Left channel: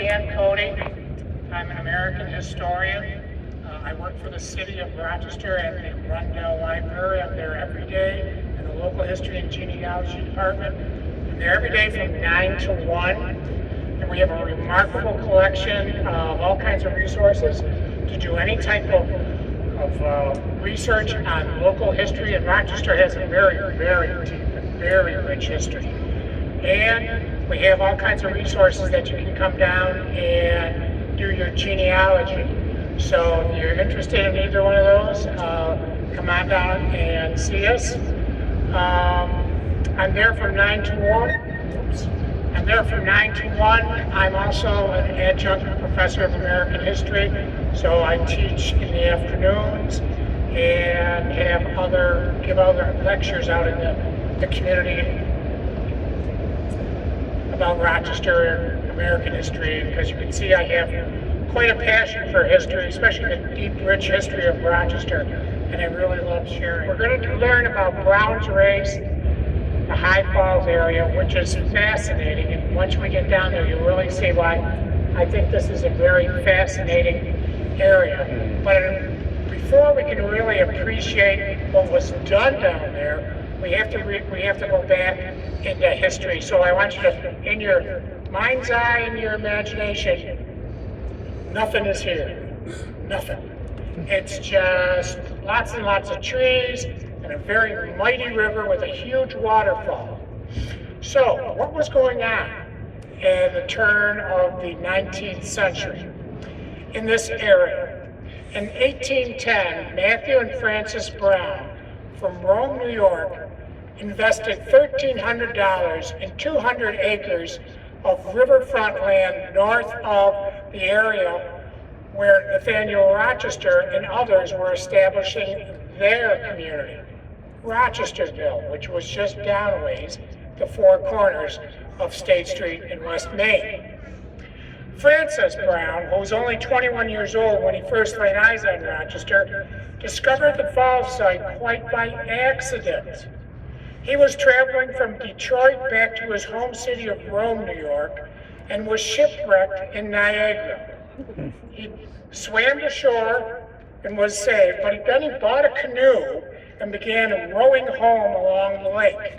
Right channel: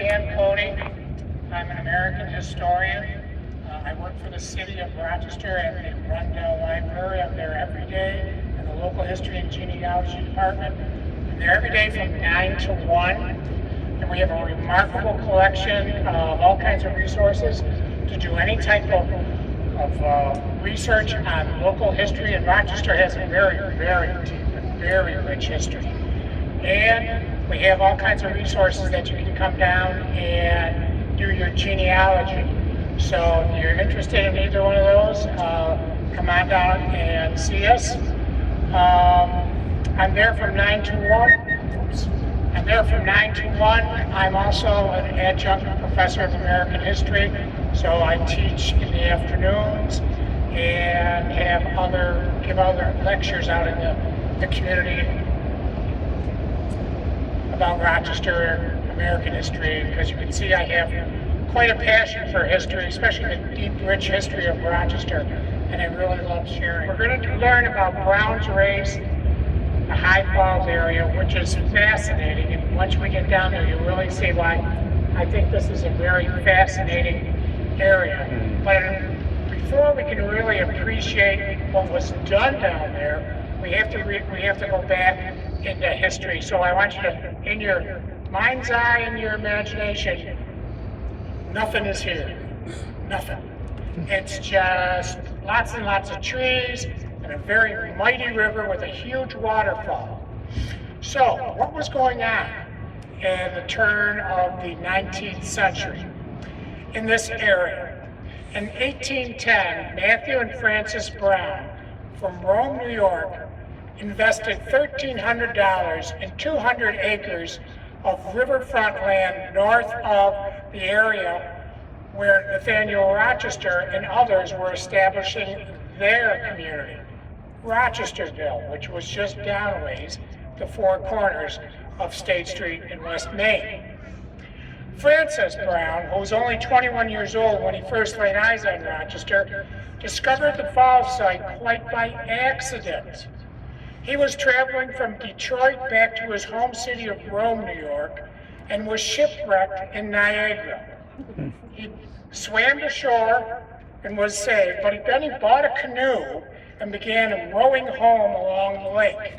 Dan Cody. I'm an American historian. I work for the city of Rochester at the Rundell Library. I'm there every day in the local history and genealogy department. I'm there every day from 9 to 1. And we have a remarkable collection of all kinds of resources to do any type of research on local history. And Rochester has a very, very deep and very rich history. And we have all kinds of resources that you can come down and do your genealogy. So if you're interested in either one of those, come on down and see us. I'm there from 9 to 1. Oops. I'm there from 9 to 1. I'm also an adjunct professor of American history, so I teach in the afternoons and give other lectures out in the community about Rochester and American history, because you can see I have quite a passion for history, especially the deep, rich history of Rochester, and I really love sharing. We're going to learn about Brown's Race, the High Falls area, which is fascinating, and once we get down there, you'll really see why I think this is a very fascinating area. But before we can really appreciate what was done down there, we have to go back into history. So I want you to, in your mind's eye, in your imagination, nothing is here. Nothing. It's just lots and lots of trees and a very mighty river with a huge waterfall. So, what was going on at the turn of the 19th century in this area? In 1810, Matthew and Frances Brown from Rome, New York, invested $1,300 in 200 acres of riverfront land north of the area where Nathaniel Rochester and others were establishing their community, Rochesterville, which was just downways the four corners of State Street in West Main. Frances Brown, who was only 21 years old when he first laid eyes on Rochester, discovered the falls site quite by accident. He was traveling from Detroit back to his home city of Rome, New York, and was shipwrecked in Niagara. He swam to shore and was saved, but then he bought a canoe and began rowing home along the lake.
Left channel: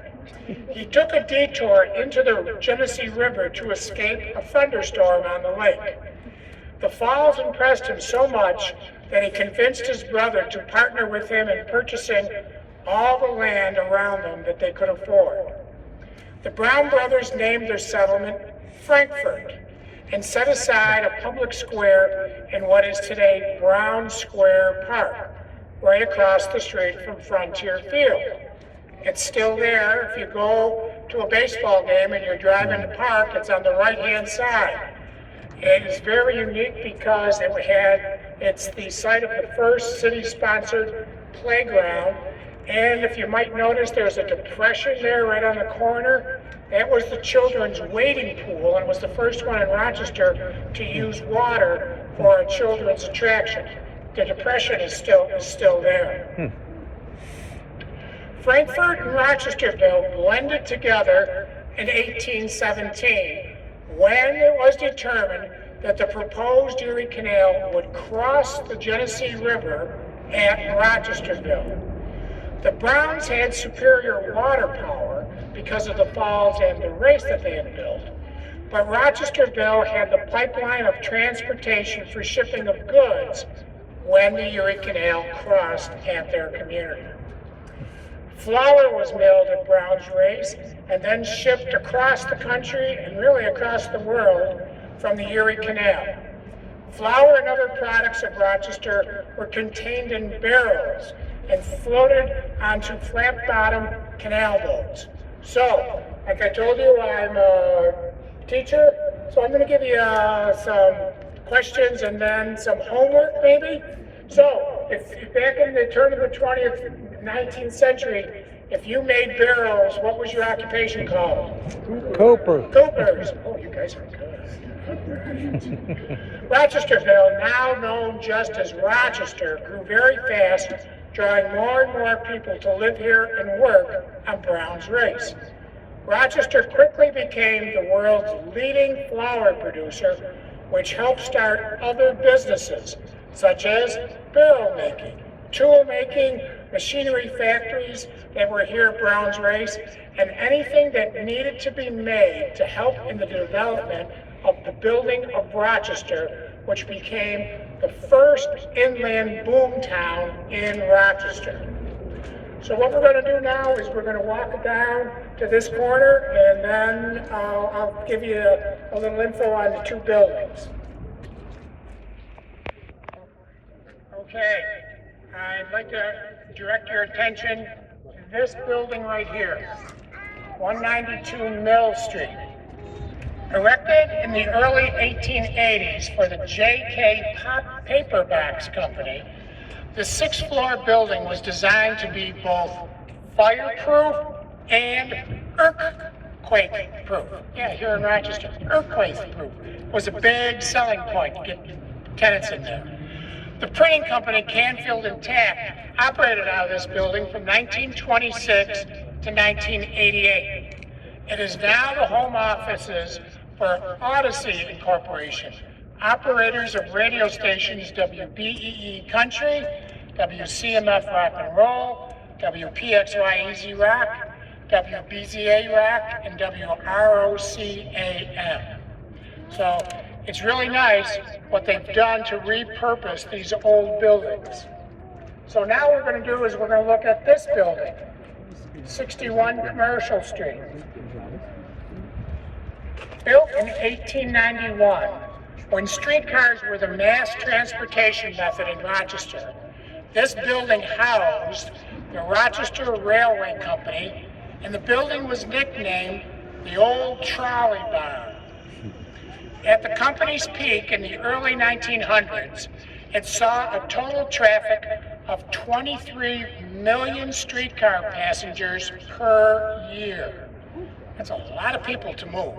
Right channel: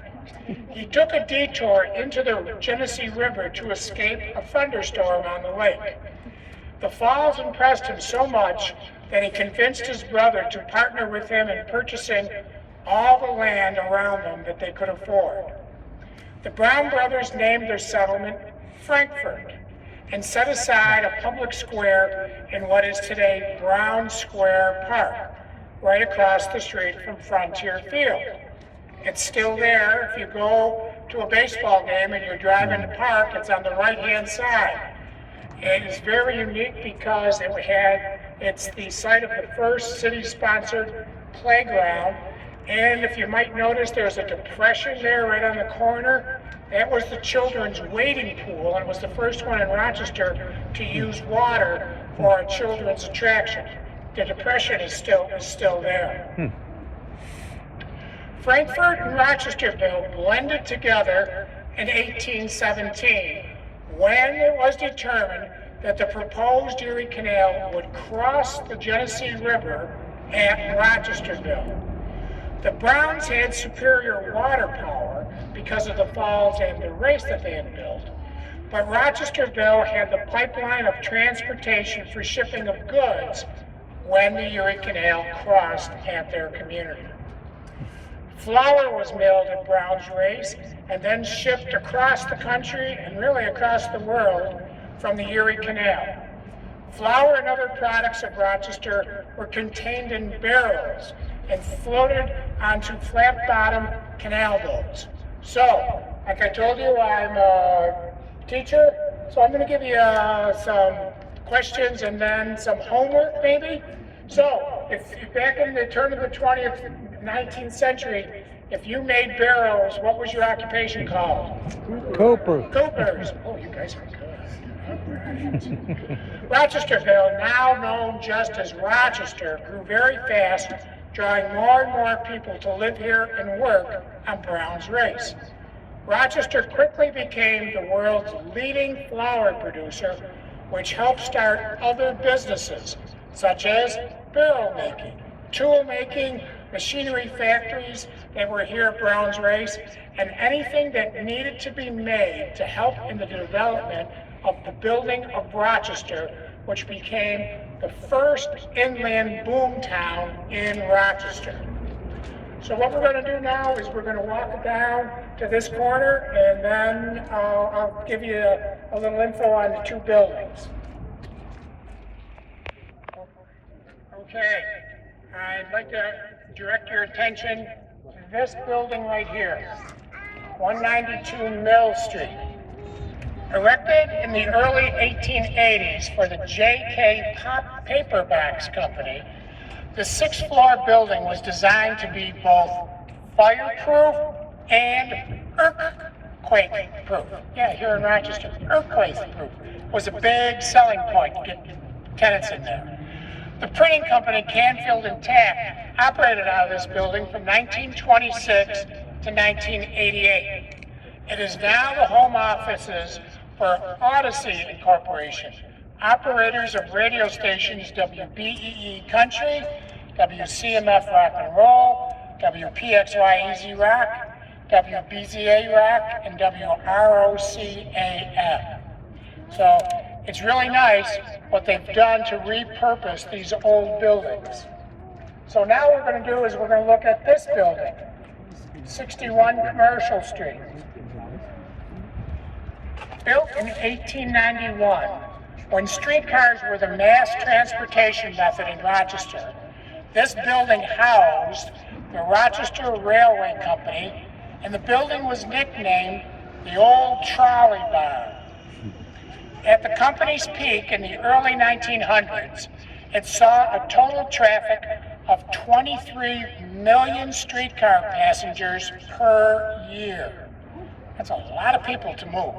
He took a detour into the Genesee River to escape a thunderstorm on the lake. The falls impressed him so much that he convinced his brother to partner with him in purchasing all the land around them that they could afford. The Brown brothers named their settlement Frankfort and set aside a public square in what is today Brown Square Park, right across the street from Frontier Field. It's still there. If you go to a baseball game and you're driving the park, it's on the right-hand side. It is very unique because it's the site of the first city-sponsored playground. And if you might notice, there's a depression there right on the corner. That was the children's wading pool, and it was the first one in Rochester to use water for a children's attraction. The depression is still there. Frankfort and Rochesterville blended together in 1817 when it was determined that the proposed Erie Canal would cross the Genesee River at Rochesterville. The Browns had superior water power because of the falls and the race that they had built, but Rochesterville had the pipeline of transportation for shipping of goods when the Erie Canal crossed at their community. Flour was milled at Brown's Race and then shipped across the country and really across the world from the Erie Canal. Flour and other products of Rochester were contained in barrels and floated onto flat-bottom canal boats. So, like I told you, I'm a teacher, so I'm going to give you some questions and then some homework maybe. So, if back in the turn of the 19th century, if you made barrels, what was your occupation called? Copers. Oh, you guys are good. Rochesterville, now known just as Rochester, grew very fast, drawing more and more people to live here and work on Brown's Race. Rochester quickly became the world's leading flour producer, which helped start other businesses, such as barrel making, tool making, machinery factories that were here at Browns Race, and anything that needed to be made to help in the development of the building of Rochester, which became the first inland boom town in Rochester. So what we're going to do now is we're going to walk down to this corner, and then I'll give you a little info on the two buildings. Okay, I'd like to direct your attention to this building right here, 192 Mill Street. Erected in the early 1880s for the J.K. Paperbacks Company, the sixth-floor building was designed to be both fireproof and earthquake-proof. Yeah, here in Rochester, earthquake-proof was a big selling point to get tenants in there. The printing company, Canfield and Taft, operated out of this building from 1926 to 1988. It is now the home offices for Odyssey Incorporation, operators of radio stations WBEE Country, WCMF Rock and Roll, WPXY Easy Rock, WBZA Rock, and WROC AM. So it's really nice what they've done to repurpose these old buildings. So now what we're going to do is we're going to look at this building, 61 Commercial Street. Built in 1891, when streetcars were the mass transportation method in Rochester, this building housed the Rochester Railway Company, and the building was nicknamed the Old Trolley Barn. At the company's peak in the early 1900s, it saw a total traffic of 23 million streetcar passengers per year. That's a lot of people to move.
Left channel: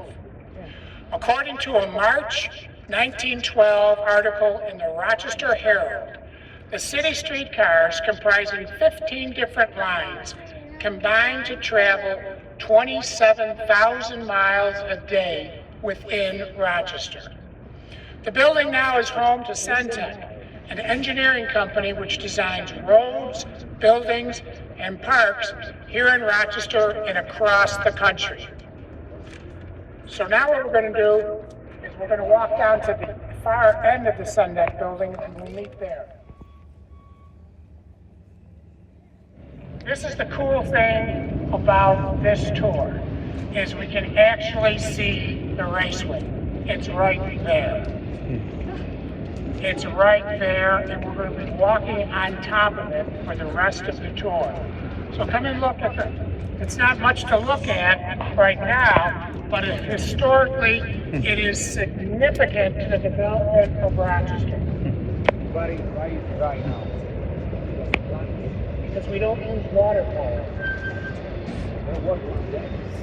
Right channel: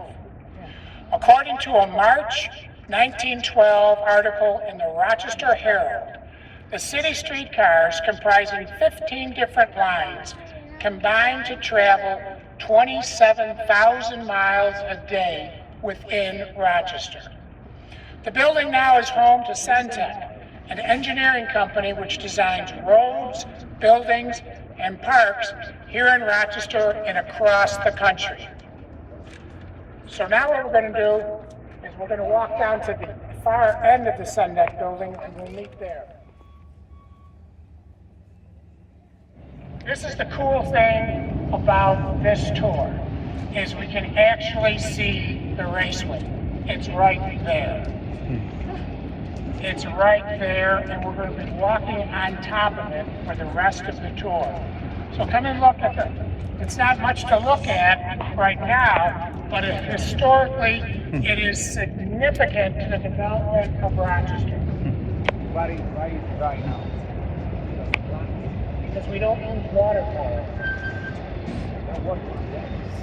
According to a March 1912 article in the Rochester Herald, the city streetcars, comprising 15 different lines, combined to travel 27,000 miles a day within Rochester. The building now is home to Centec, an engineering company which designs roads, buildings, and parks here in Rochester and across the country. So now what we're going to do is we're going to walk down to the far end of the Centec building and we'll meet there. This is the cool thing about this tour, is we can actually see the raceway. It's right there. It's right there, and we're going to be walking on top of it for the rest of the tour. So come and look at it. It's not much to look at right now, but historically, it is significant to the development of Rochester. Because we don't use water for it.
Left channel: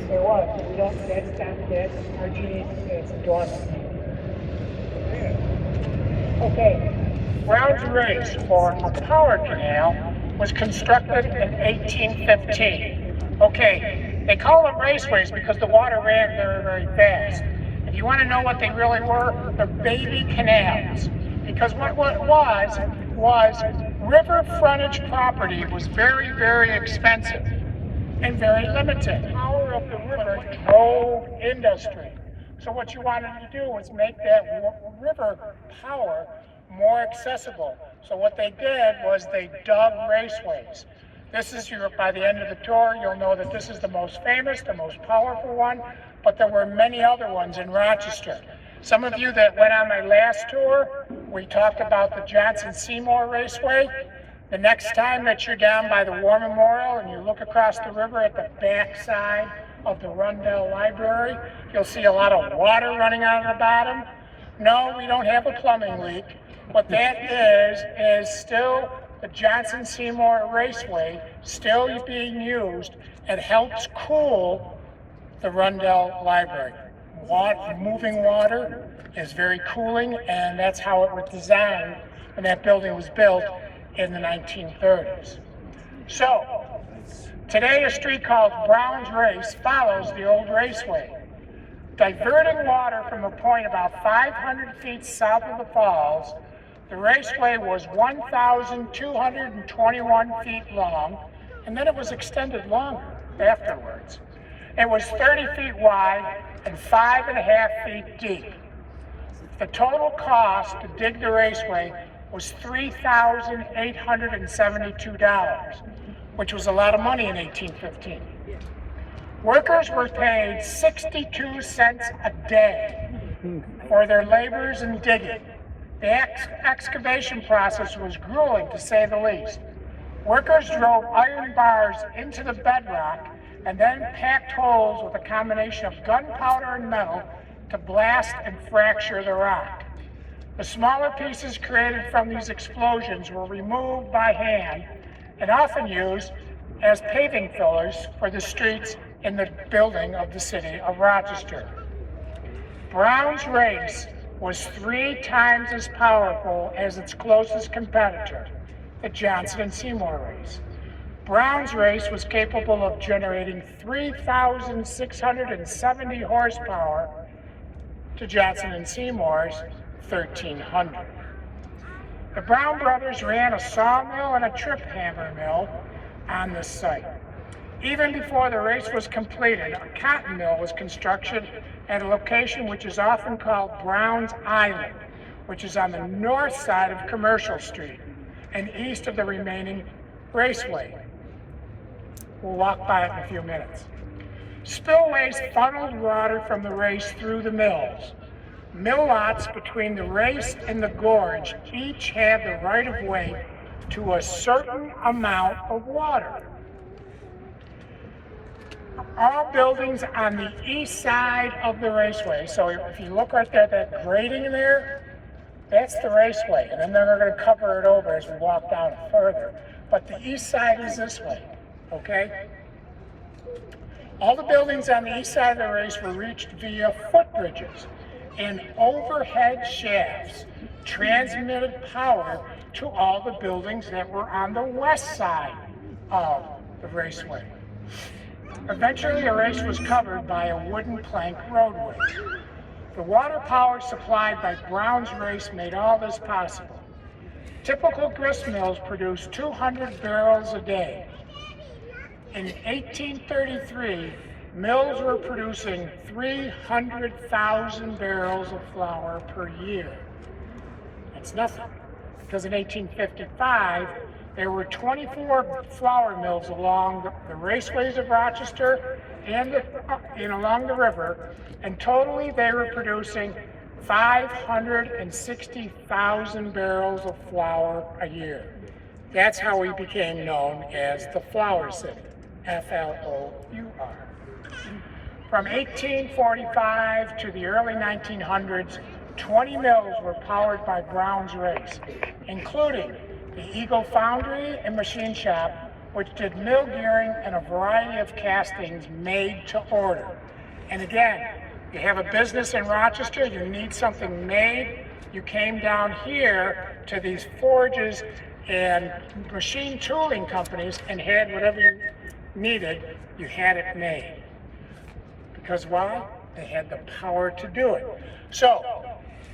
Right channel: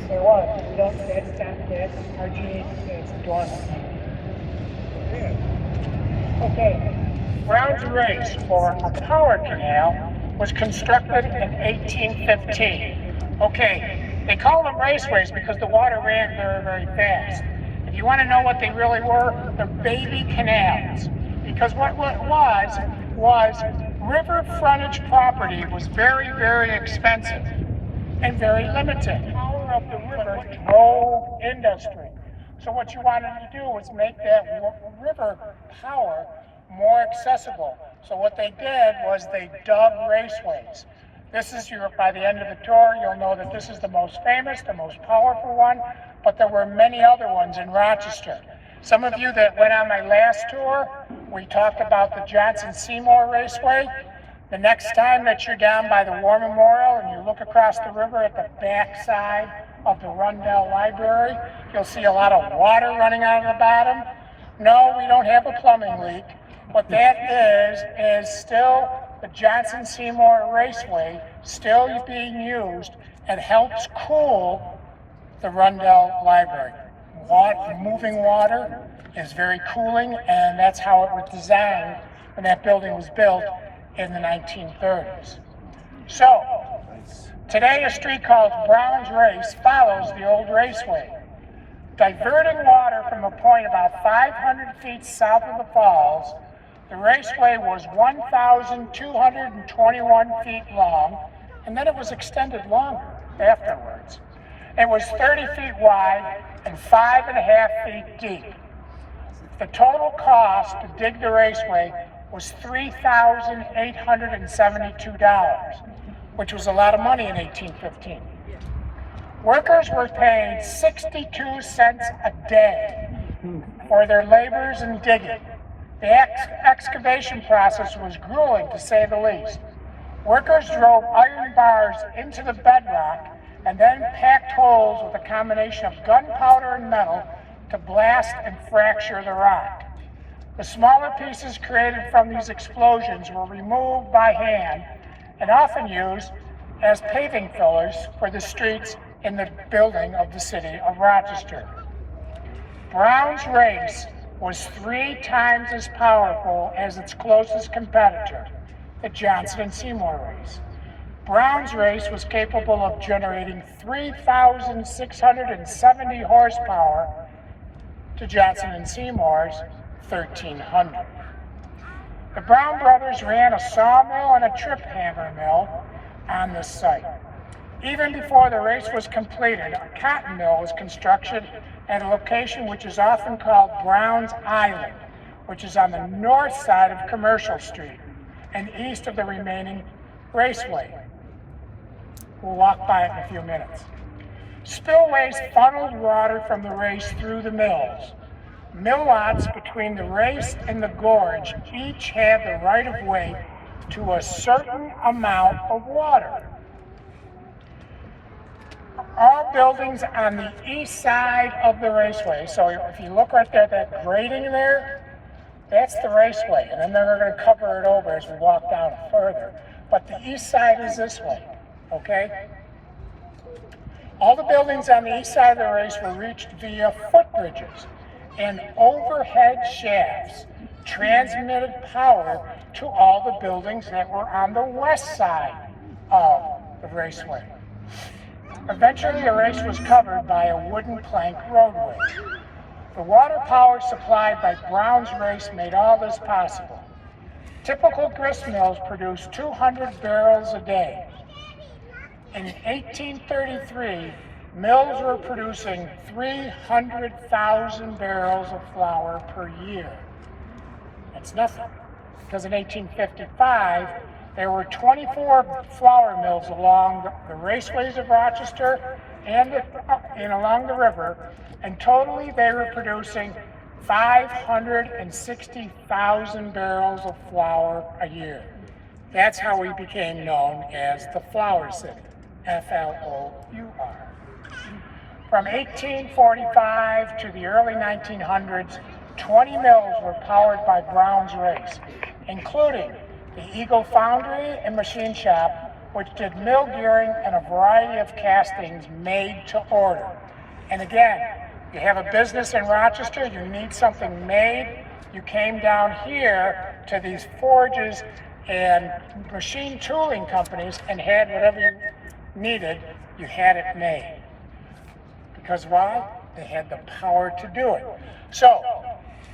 There was. We don't, that's RG, it's dormant. Okay, Browns Race, for a power canal, was constructed in 1815. Okay, they call them raceways because the water ran very, very fast. If you want to know what they really were, they're baby canals. Because what it was river frontage property was very, very expensive and very limited. The power of the river drove industry. So what you wanted to do was make that river power more accessible. So what they did was they dug raceways. This is by the end of the tour, you'll know that this is the most famous, the most powerful one, but there were many other ones in Rochester. Some of you that went on my last tour, we talked about the Johnson Seymour Raceway. The next time that you're down by the War Memorial and you look across the river at the back side of the Rundell Library, you'll see a lot of water running out of the bottom. No, we don't have a plumbing leak. What that is still the Johnson Seymour Raceway, still being used, and helps cool the Rundell Library. Moving water is very cooling, and that's how it was designed when that building was built in the 1930s. So, today a street called Browns Race follows the old raceway. Diverting water from a point about 500 feet south of the falls, the raceway was 1,221 feet long, and then it was extended longer afterwards. It was 30 feet wide and 5.5 feet deep. The total cost to dig the raceway was $3,872, which was a lot of money in 1815. Workers were paid 62 cents a day for their labors in digging. The excavation process was grueling, to say the least. Workers drove iron bars into the bedrock and then packed holes with a combination of gunpowder and metal to blast and fracture the rock. The smaller pieces created from these explosions were removed by hand and often used as paving fillers for the streets in the building of the city of Rochester. Brown's race was 3 times as powerful as its closest competitor, the Johnson and Seymour race. Brown's race was capable of generating 3,670 horsepower to Johnson and Seymour's 1,300. The Brown brothers ran a sawmill and a trip hammer mill on this site. Even before the race was completed, a cotton mill was constructed at a location which is often called Brown's Island, which is on the north side of Commercial Street and east of the remaining raceway. We'll walk by it in a few minutes. Spillways funneled water from the race through the mills. Mill lots between the race and the gorge each had the right of way to a certain amount of water. All buildings on the east side of the raceway, so if you look right there, that grading there, that's the raceway, and then they're going to cover it over as we walk down further. But the east side is this way, okay? All the buildings on the east side of the race were reached via footbridges and overhead shafts transmitted power to all the buildings that were on the west side of the raceway. Eventually, the race was covered by a wooden plank roadway. The water power supplied by Brown's race made all this possible. Typical grist mills produced 200 barrels a day. In 1833, mills were producing 300,000 barrels of flour per year. That's nothing, because in 1855, there were 24 flour mills along the raceways of Rochester and along the river, and totally they were producing 560,000 barrels of flour a year. That's how we became known as the Flour City, F-L-O-U-R. From 1845 to the early 1900s, 20 mills were powered by Brown's race, including the Eagle Foundry and Machine Shop, which did mill gearing and a variety of castings made to order. And again, you have a business in Rochester, you need something made, you came down here to these forges and machine tooling companies and had whatever you needed, you had it made. Because why? They had the power to do it. So,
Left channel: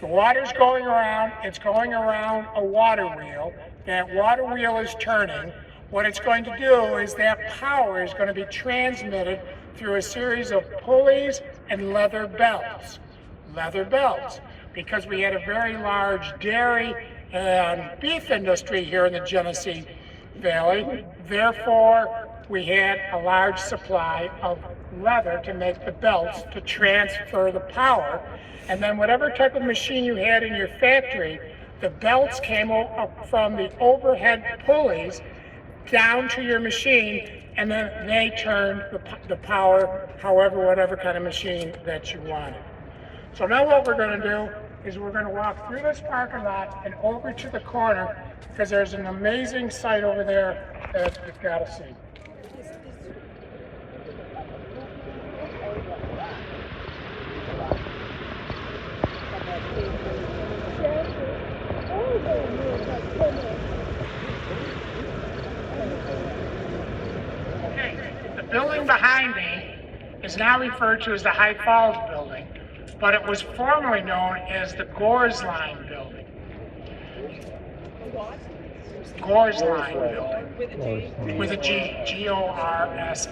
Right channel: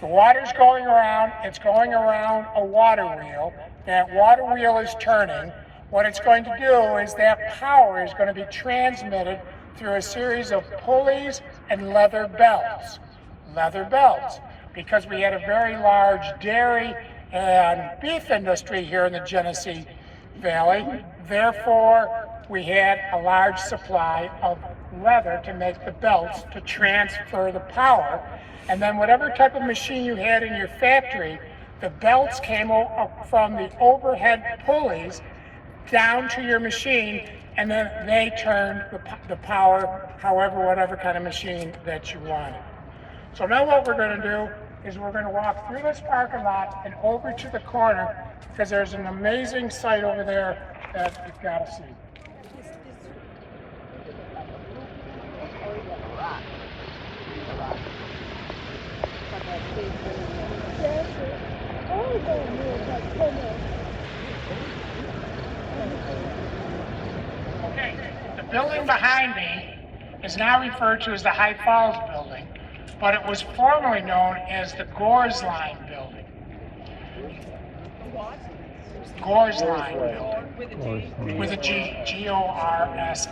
the water's going around, it's going around a water wheel. That water wheel is turning. What it's going to do is that power is going to be transmitted through a series of pulleys and leather belts. Leather belts, because we had a very large dairy and beef industry here in the Genesee Valley. Therefore, we had a large supply of leather to make the belts to transfer the power. And then whatever type of machine you had in your factory, the belts came up from the overhead pulleys down to your machine, and then they turned the power, whatever kind of machine that you wanted. So now what we're going to do is we're going to walk through this parking lot and over to the corner, because there's an amazing site over there that you've got to see. Okay, the building behind me is now referred to as the High Falls building, but it was formerly known as the Gores Line Building. Gores Line Building, with a G, G-O-R-S-L-I-N-E.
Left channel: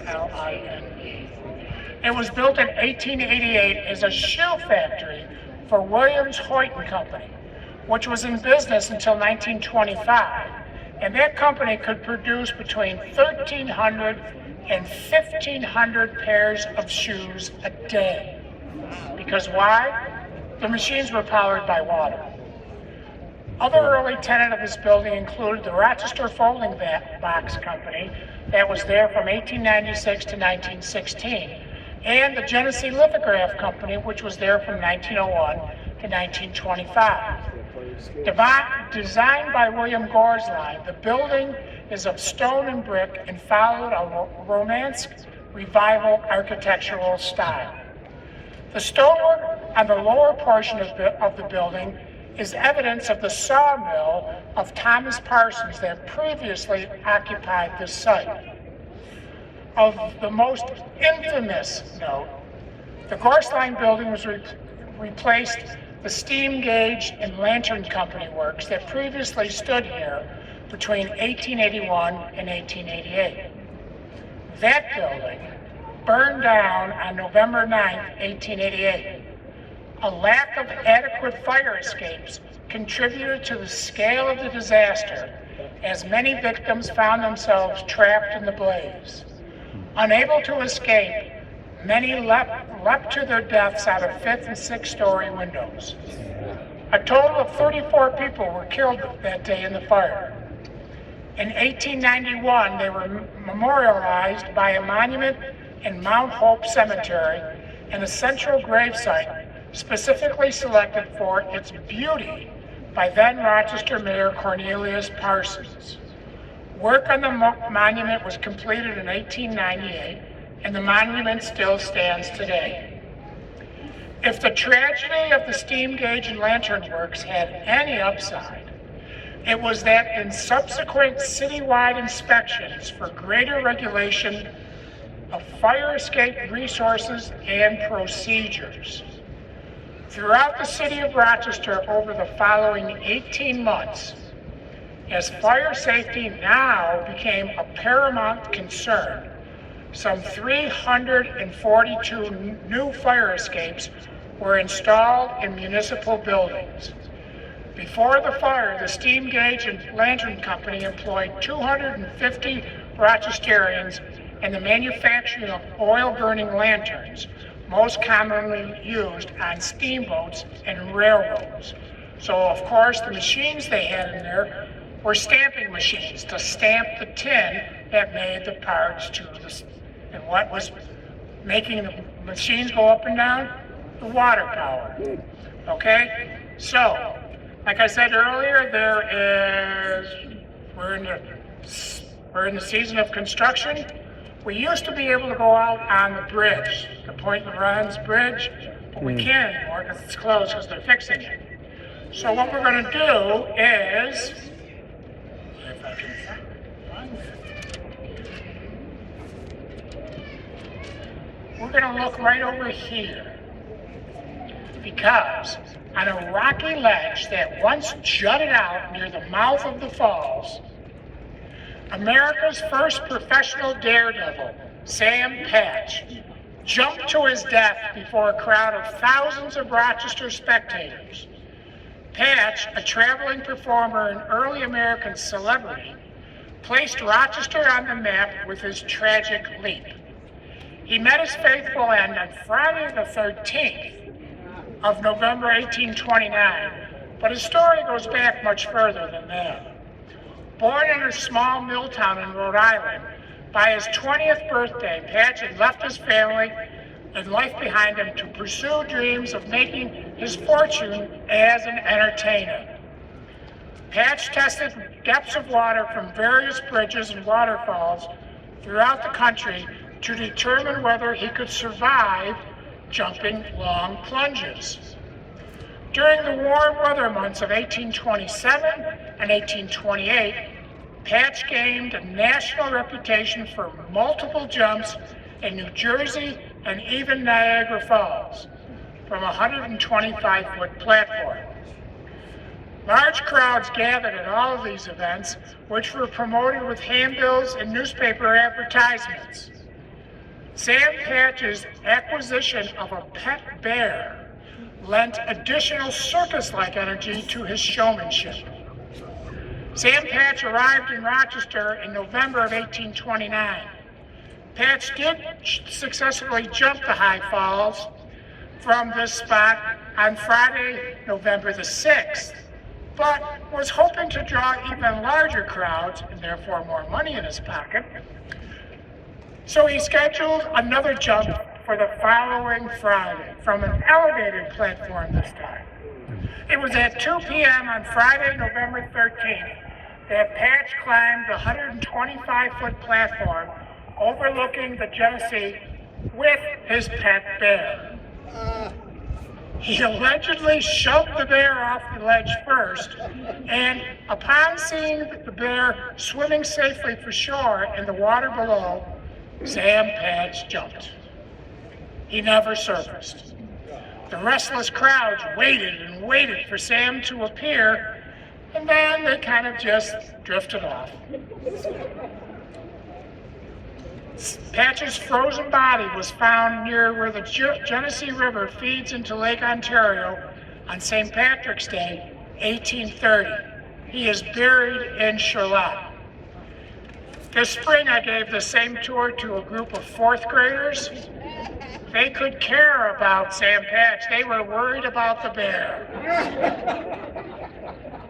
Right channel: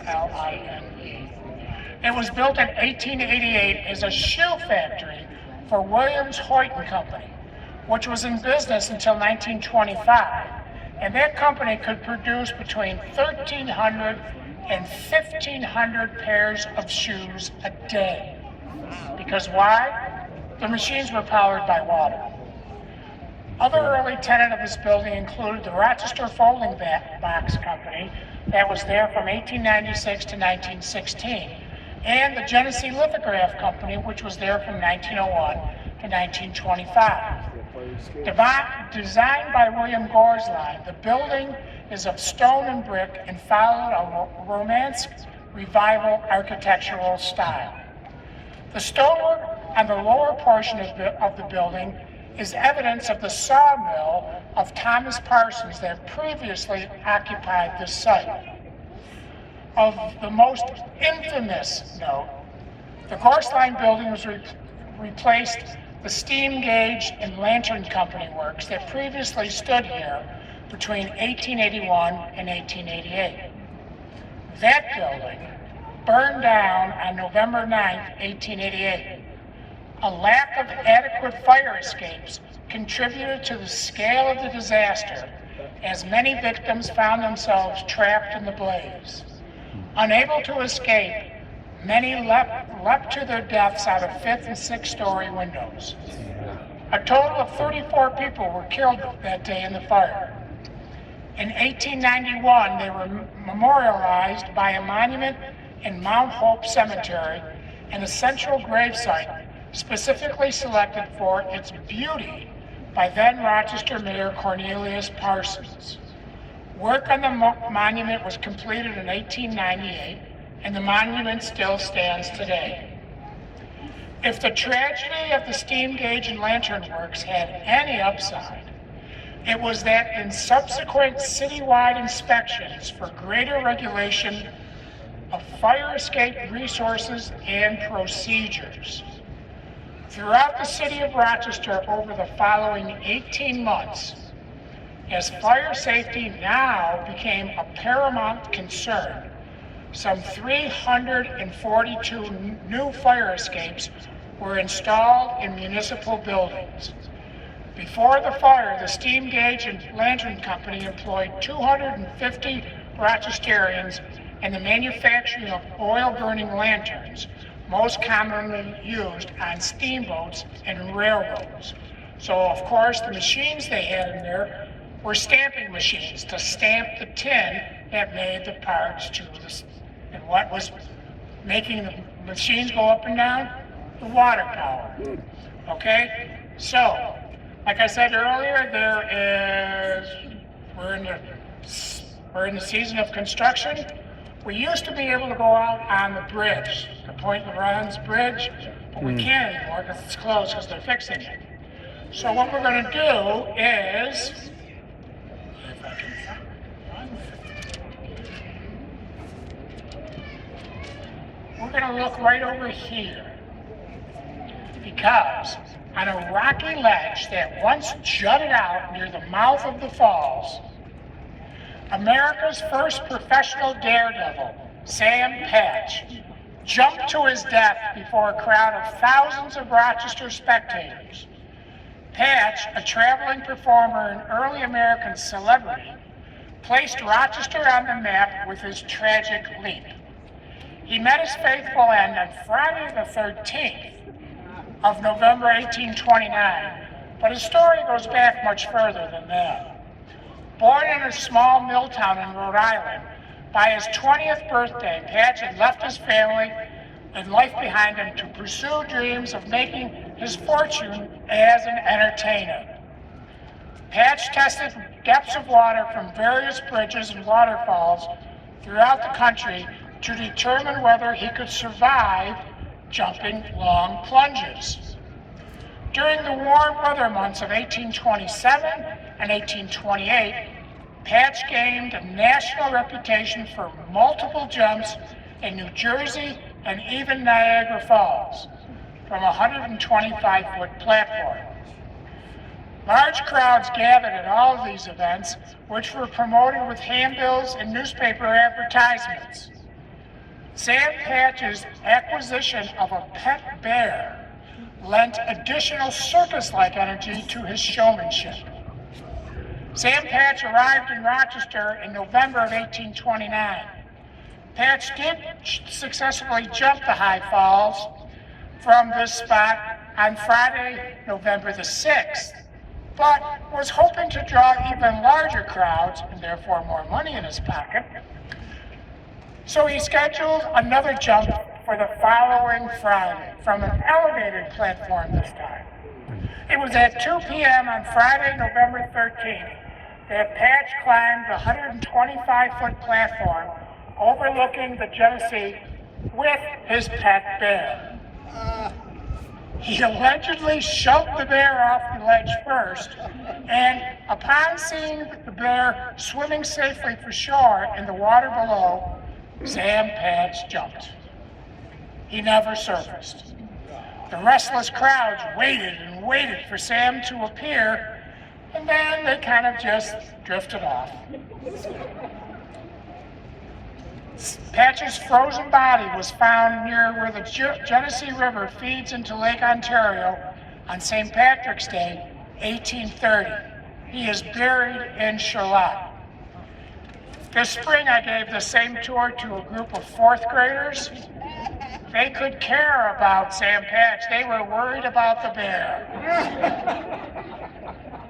It was built in 1888 as a shoe factory for Williams Hoyt and Company, which was in business until 1925, and that company could produce between 1,300 and 1,500 pairs of shoes a day. Because why? The machines were powered by water. Other early tenants of this building included the Rochester Folding Box Company that was there from 1896 to 1916, and the Genesee Lithograph Company, which was there from 1901 to 1925. Designed by William Gores Line, the building is of stone and brick and followed a Romance Revival architectural style. The stonework on the lower portion of the building is evidence of the sawmill of Thomas Parsons that previously occupied this site. Of the most infamous note, the Gores Line building was replaced the steam gauge and lantern company works that previously stood here between 1881 and 1888. That building burned down on November 9, 1888. A lack of adequate fire escapes contributed to the scale of the disaster, as many victims found themselves trapped in the blaze. Unable to escape, many leapt to their deaths out of 5th and 6th story windows. A total of 34 people were killed that day in the fire. In 1891, they were memorialized by a monument in Mount Hope Cemetery and a central gravesite specifically selected for its beauty by then Rochester Mayor Cornelius Parsons. Work on the monument was completed in 1898, and the monument still stands today. If the tragedy of the steam gauge and lantern works had any upside, it was that in subsequent citywide inspections for greater regulation of fire escape resources and procedures. Throughout the city of Rochester over the following 18 months, as fire safety now became a paramount concern, some 342 new fire escapes were installed in municipal buildings. Before the fire, the steam gauge and lantern company employed 250 Rochesterians in the manufacturing of oil-burning lanterns, most commonly used on steamboats and railroads. So, of course, the machines they had in there were stamping machines to stamp the tin that made the parts to the. And what was making the machines go up and down? The water power. Okay? So, like I said earlier, we're in the season of construction. We used to be able to go out on the bridge, the Point LaRon's bridge, but we can't anymore because it's closed because they're fixing it. So what we're going to do is, if I can find it, we're going to look right over here, because on a rocky ledge that once jutted out near the mouth of the falls, America's first professional daredevil, Sam Patch, jumped to his death before a crowd of thousands of Rochester spectators. Patch, a traveling performer and early American celebrity, placed Rochester on the map with his tragic leap. He met his faithful end on Friday the 13th of November 1829, but his story goes back much further than that. Born in a small mill town in Rhode Island, by his 20th birthday, Patch had left his family and life behind him to pursue dreams of making his fortune as an entertainer. Patch tested depths of water from various bridges and waterfalls throughout the country to determine whether he could survive jumping long plunges. During the warm weather months of 1827 and 1828, Patch gained a national reputation for multiple jumps in New Jersey and even Niagara Falls. from a 125-foot platform. Large crowds gathered at all of these events, which were promoted with handbills and newspaper advertisements. Sam Patch's acquisition of a pet bear lent additional circus-like energy to his showmanship. Sam Patch arrived in Rochester in November of 1829. Patch did successfully jump the high falls from this spot on Friday, November the 6th, but was hoping to draw even larger crowds and therefore more money in his pocket. So he scheduled another jump for the following Friday from an elevated platform this time. It was at 2 p.m. on Friday, November 13th, that Patch climbed the 125-foot platform overlooking the Genesee with his pet bear. He allegedly shoved the bear off the ledge first, and upon seeing the bear swimming safely for shore in the water below, Sam Patch jumped. He never surfaced. The restless crowds waited and waited for Sam to appear, and then they kind of just drifted off. Patch's frozen body was found near where the Genesee River feeds into Lake Ontario on St. Patrick's Day, 1830. He is buried in Charlotte. This spring I gave the same tour to a group of fourth graders. They could care about Sam Patch. They were worried about the bear.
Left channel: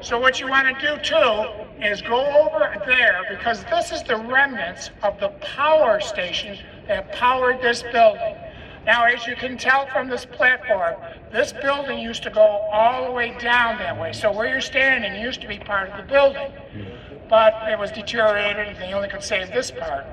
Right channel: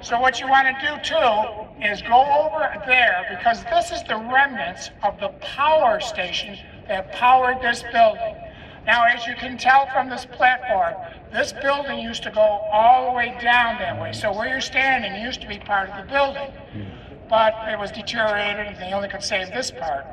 So what you want to do too is go over there, because this is the remnants of the power station that powered this building. Now, as you can tell from this platform, this building used to go all the way down that way. So where you're standing used to be part of the building, but it was deteriorated and they only could save this part.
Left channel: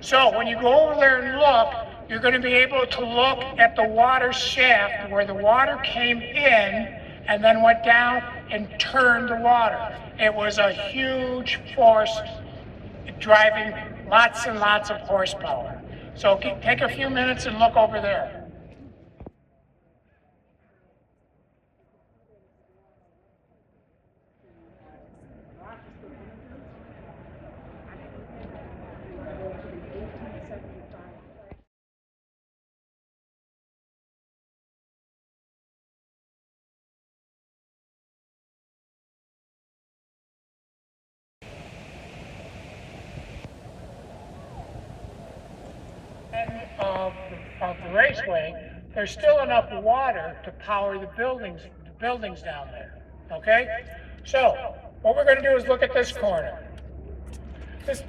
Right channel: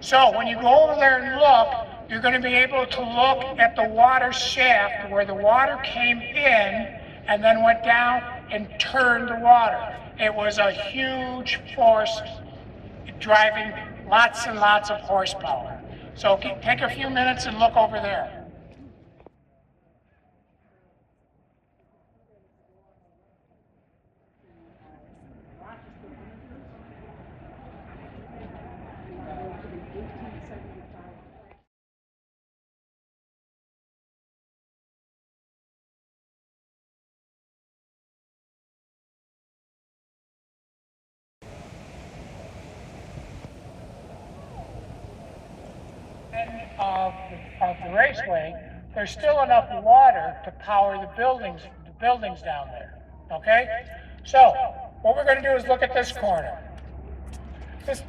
So when you go over there and look, you're going to be able to look at the water shaft where the water came in and then went down and turned the water. It was a huge force driving lots and lots of horsepower. So take a few minutes and look over there. Of the raceway, there's still enough water to power the buildings down there, okay? So, what we're going to do is look at this corner.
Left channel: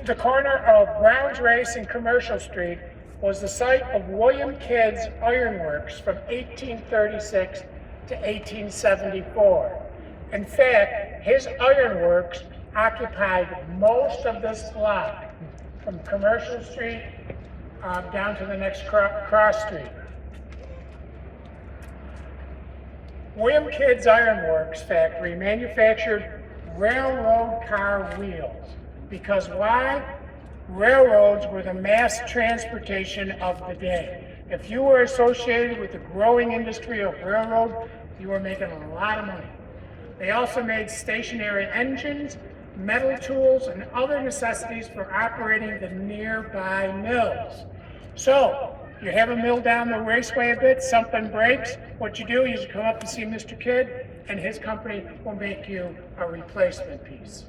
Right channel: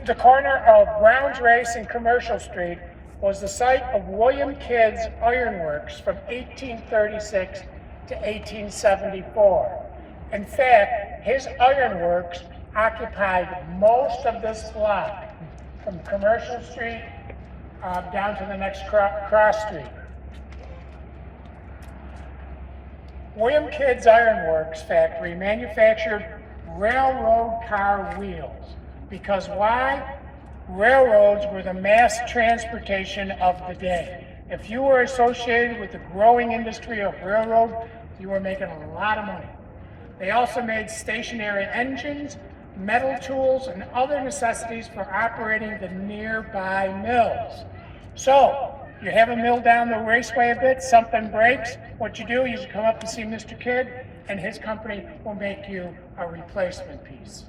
The corner of Brown's Race and Commercial Street was the site of William Kidd's Ironworks from 1836 to 1874. In fact, his ironworks occupied most of this block from Commercial Street down to the next cross street. William Kidd's Ironworks factory manufactured railroad car wheels. Because why? Railroads were the mass transportation of the day. If you were associated with the growing industry of railroad, you were making a lot of money. They also made stationary engines, metal tools, and other necessities for operating the nearby mills. So, you have a mill down the raceway a bit, something breaks, what you do is you come up and see Mr. Kidd, and his company will make you a replacement piece.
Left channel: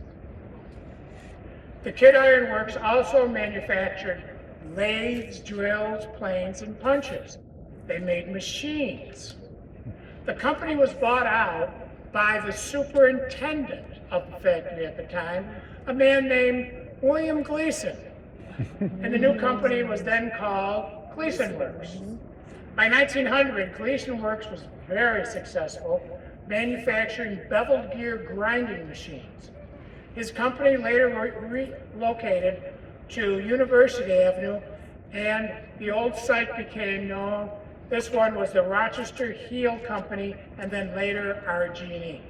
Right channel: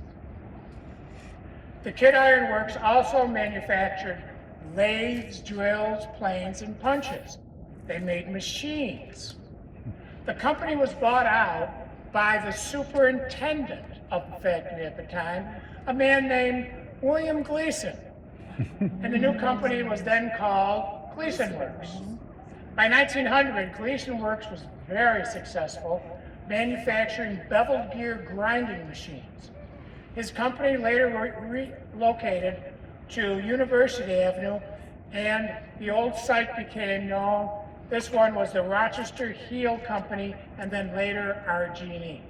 The Kidd Ironworks also manufactured lathes, drills, planes, and punches. They made machines. The company was bought out by the superintendent of the factory at the time, a man named William Gleason. And the new company was then called Gleason Works. By 1900, Gleason Works was very successful, manufacturing beveled gear grinding machines. His company later relocated to University Avenue, and the old site became known. This one was the Rochester Heel Company, and then later RG&E.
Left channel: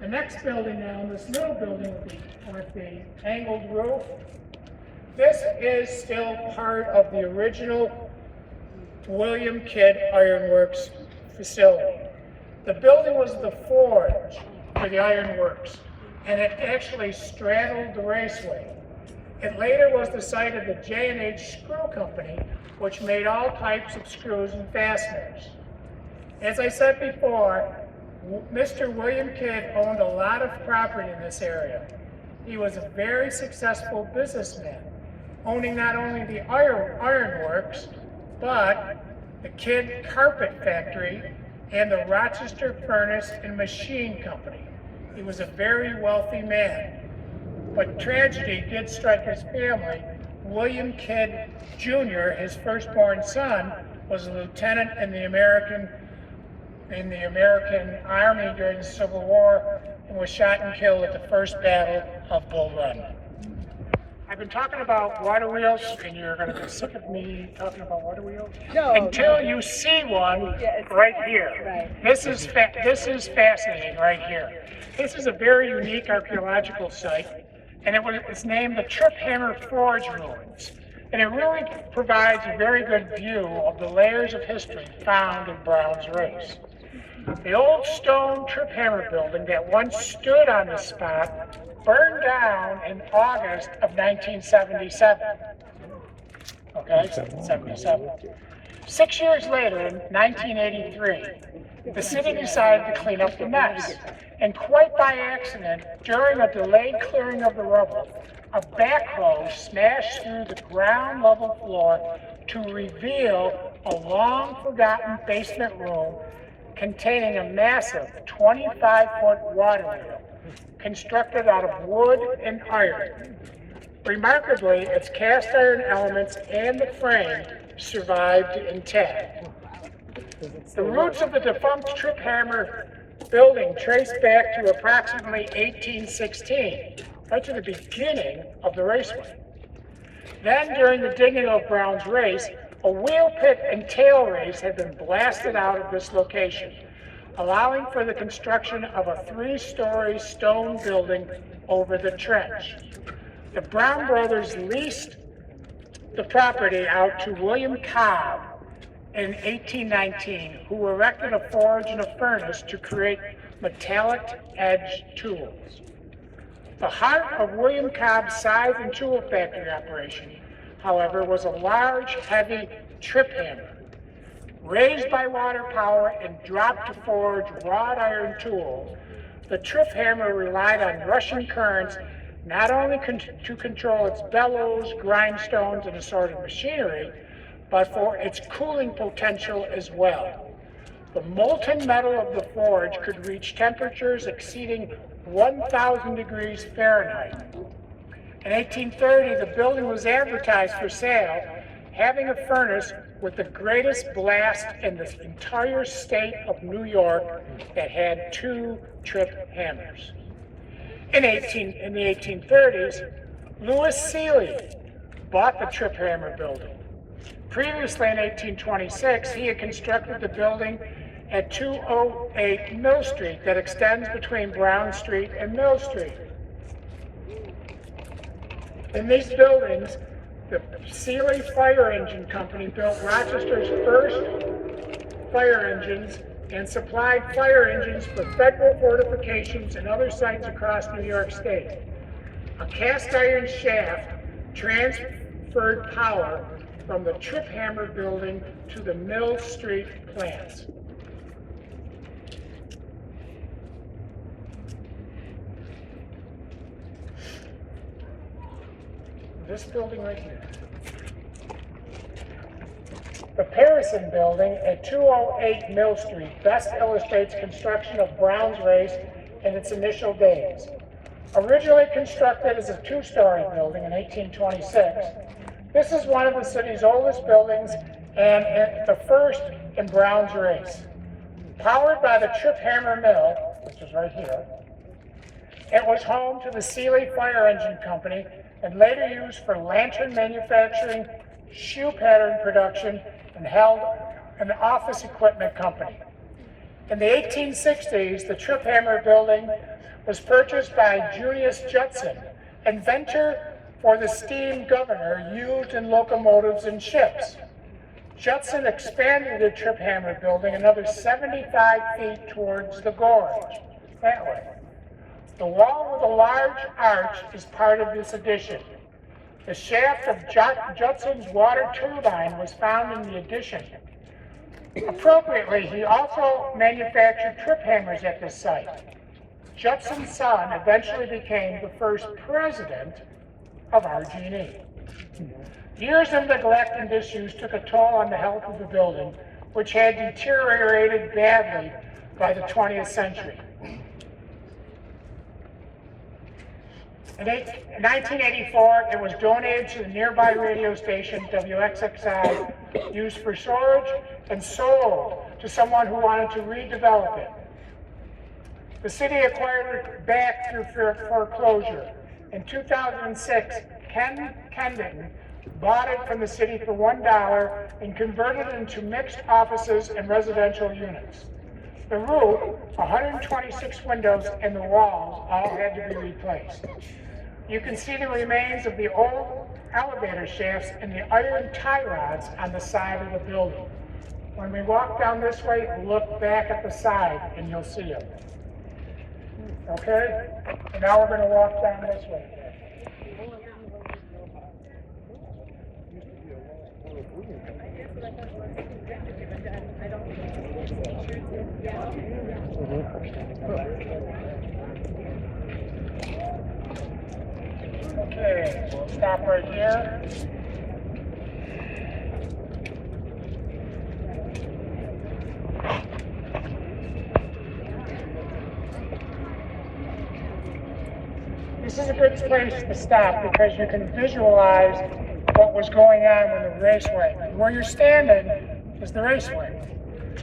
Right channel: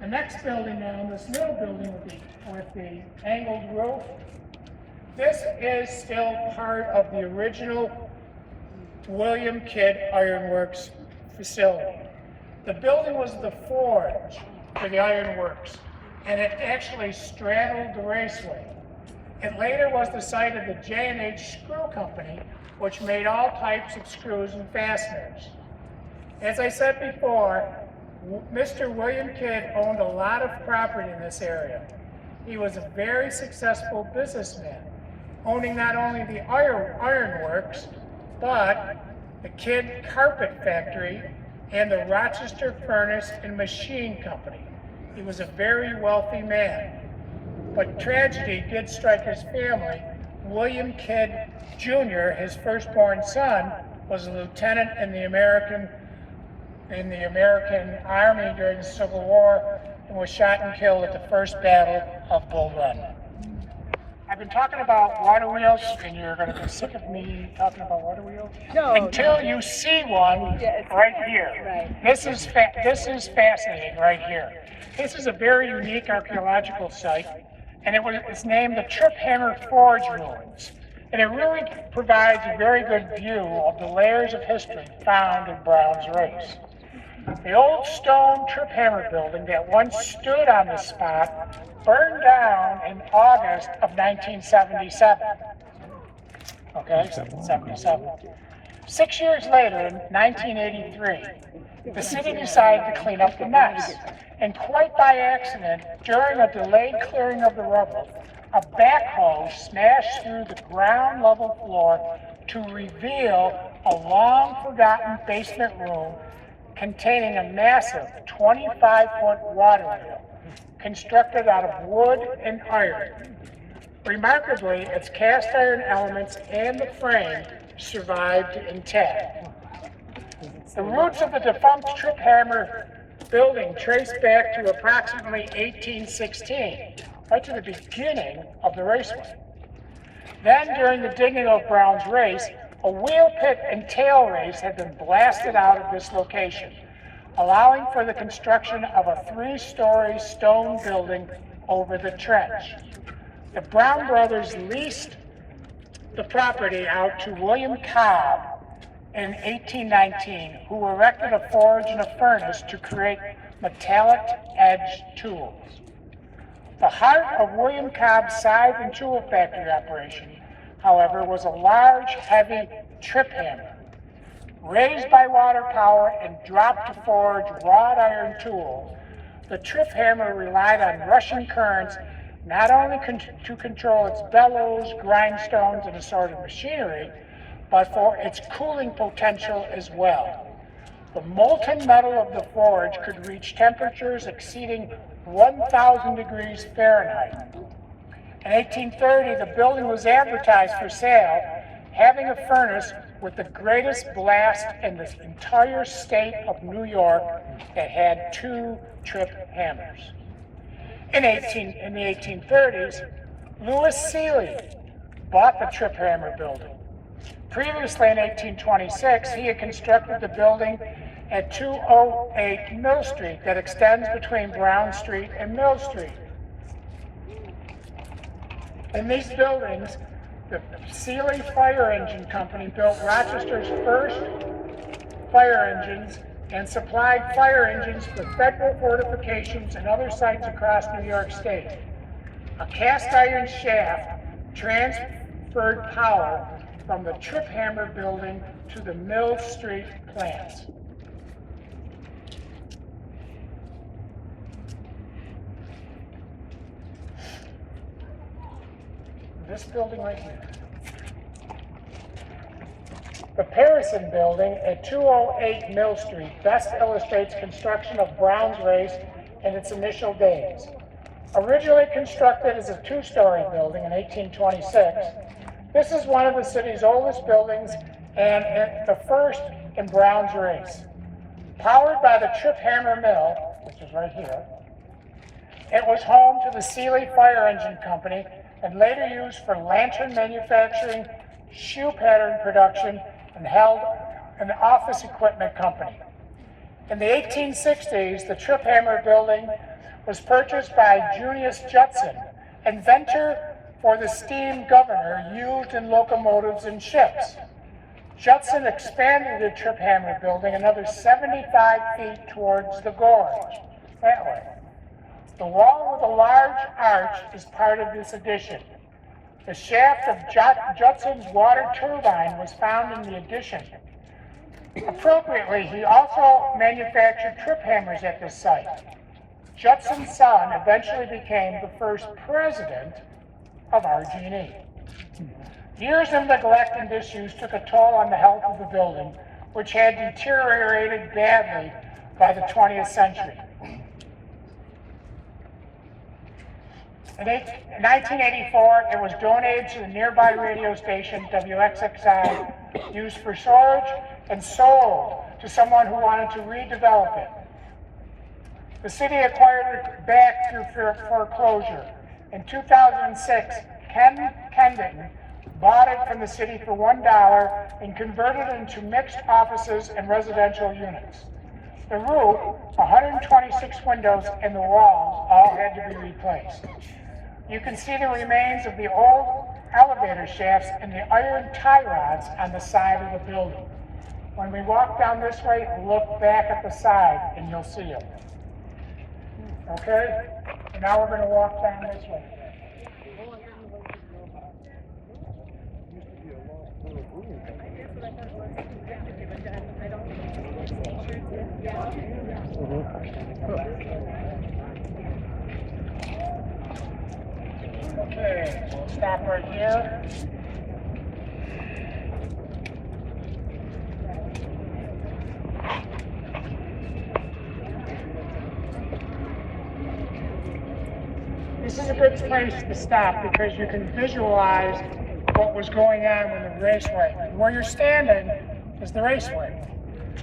The next building now, this little building with the angled roof, this is still part of the original William Kidd Ironworks facility. The building was the forge for the iron works, and it actually straddled the raceway. It later was the site of the J&H Screw Company, which made all types of screws and fasteners. As I said before, Mr. William Kidd owned a lot of property in this area. He was a very successful businessman, owning not only the iron works, but the Kidd Carpet Factory and the Rochester Furnace and Machine Company. He was a very wealthy man. But tragedy did strike his family. William Kidd Jr., his firstborn son, was a lieutenant in the American Army during the Civil War and was shot and killed at the First Battle of Bull Run. I've been talking about water wheels, and you're going to be sick of me talking about water wheels until you see one right here. Right. This is fascinating right here. This is a very unique archaeological site, and it's named the Trip Hammer Forge Ruins. And it really provides a very good view of the layers of history found in Brown's Race. The old stone Trip Hammer building that once stood on the spot burned down in August of 1977. Okay, 77. 6 years later, in 1983, the city decided to clean up the mess. And quite by accident, during a delayed clearing of the rubble, a backhoe smashed through the ground level floor to reveal a long forgotten basement room containing a massive 25-foot water wheel constructed out of wood and iron. Remarkably, its cast iron elements and the frame survived intact. The roots of the defunct Trip Hammer building trace back to approximately 1816, right to the beginning of the raceway. Then, during the digging of Brown's Race, a wheel pit and tail race had been blasted out of this location, allowing for the construction of a 3-story stone building over the trench. The Brown brothers leased the property out to William Cobb in 1819, who erected a forge and a furnace to create metallic edge tools. The heart of William Cobb's scythe and tool factory operation, however, was a large, heavy trip hammer. Raised by water power and dropped to forge wrought iron tools, the trip hammer relied on rushing currents not only to control its bellows, grindstones, and assorted machinery, but for its cooling potential as well. The molten metal of the forge could reach temperatures exceeding 1,000 degrees Fahrenheit. In 1830, the building was advertised for sale, having a furnace with the greatest blast in the entire state of New York that had 2 trip hammers. In the 1830s, Louis Seeley bought the Trip Hammer building. Previously, in 1826, he had constructed the building at 208 Mill Street that extends between Brown Street and Mill Street. In these buildings, the Seeley Fire Engine Company built Rochester's first fire engines and supplied fire engines for federal fortifications and other sites across New York State. A cast iron shaft transferred power from the Trip Hammer building to the Mill Street plants. This building right here. The Harrison Building at 208 Mill Street best illustrates construction of Brown's Race in its initial days. Originally constructed as a 2-story building in 1826, this is one of the city's oldest buildings and the first in Brown's Race. Powered by the Trip Hammer Mill, which is right here, it was home to the Seeley Fire Engine Company and later used for lantern manufacturing, shoe pattern production, and held an office equipment company. In the 1860s, the Trip Hammer building was purchased by Junius Judson, inventor for the steam governor used in locomotives and ships. Judson expanded the Trip Hammer building another 75 feet towards the gorge, that way. The wall with a large arch is part of this addition. The shaft of Judson's water turbine was found in the addition. Appropriately, he also manufactured trip hammers at this site. Judson's son eventually became the first president of RG&E. Years of neglect and disuse took a toll on the health of the building, which had deteriorated badly by the 20th century. In 1984, it was donated to the nearby radio station WXXI, used for storage, and sold to someone who wanted to redevelop it. The city acquired it back through foreclosure. In 2006, Ken Kendon bought it from the city for $1 and converted it into mixed offices and residential units. The roof, 126 windows, and the walls all had to be replaced. You can see the remains of the old elevator shafts and the iron tie rods on the side of the building. When we walk down this way, look back at the side and you'll see them. Okay? And now we're going to walk down this way. Okay, we'll stop right here. This is a good place to stop because you can visualize what was going on in the raceway. Where you're standing is the raceway.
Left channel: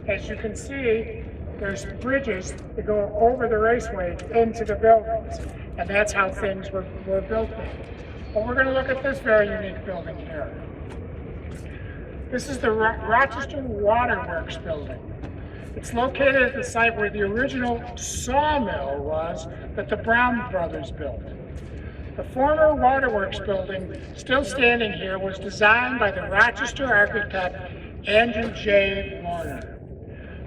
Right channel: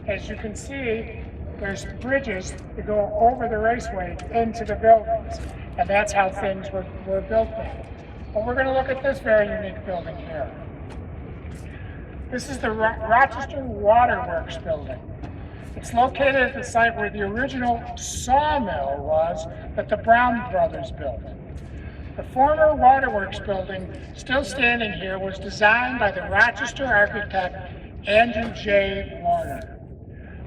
As you can see, there's bridges that go over the raceway into the buildings, and that's how things were built there. But we're going to look at this very unique building here. This is the Rochester Waterworks building. It's located at the site where the original sawmill was that the Brown brothers built. The former Waterworks building, still standing here, was designed by the Rochester architect Andrew J. Warner.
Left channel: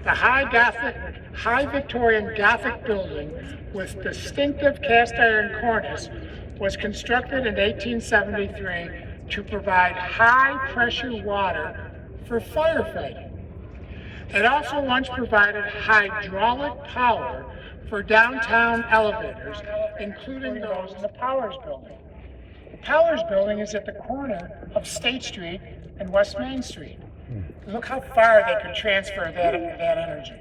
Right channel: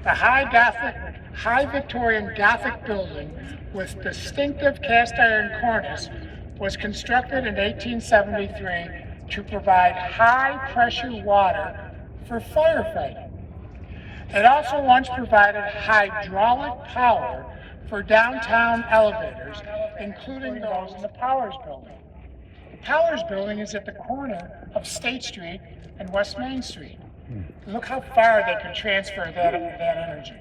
The high Victorian Gothic building with distinctive cast iron cornice was constructed in 1873 to provide high pressure water for firefighting. It also once provided hydraulic power for downtown elevators, including those in the Powers building. The Powers building is at the corner of State Street and West Main Street. Look how far they could transfer that energy.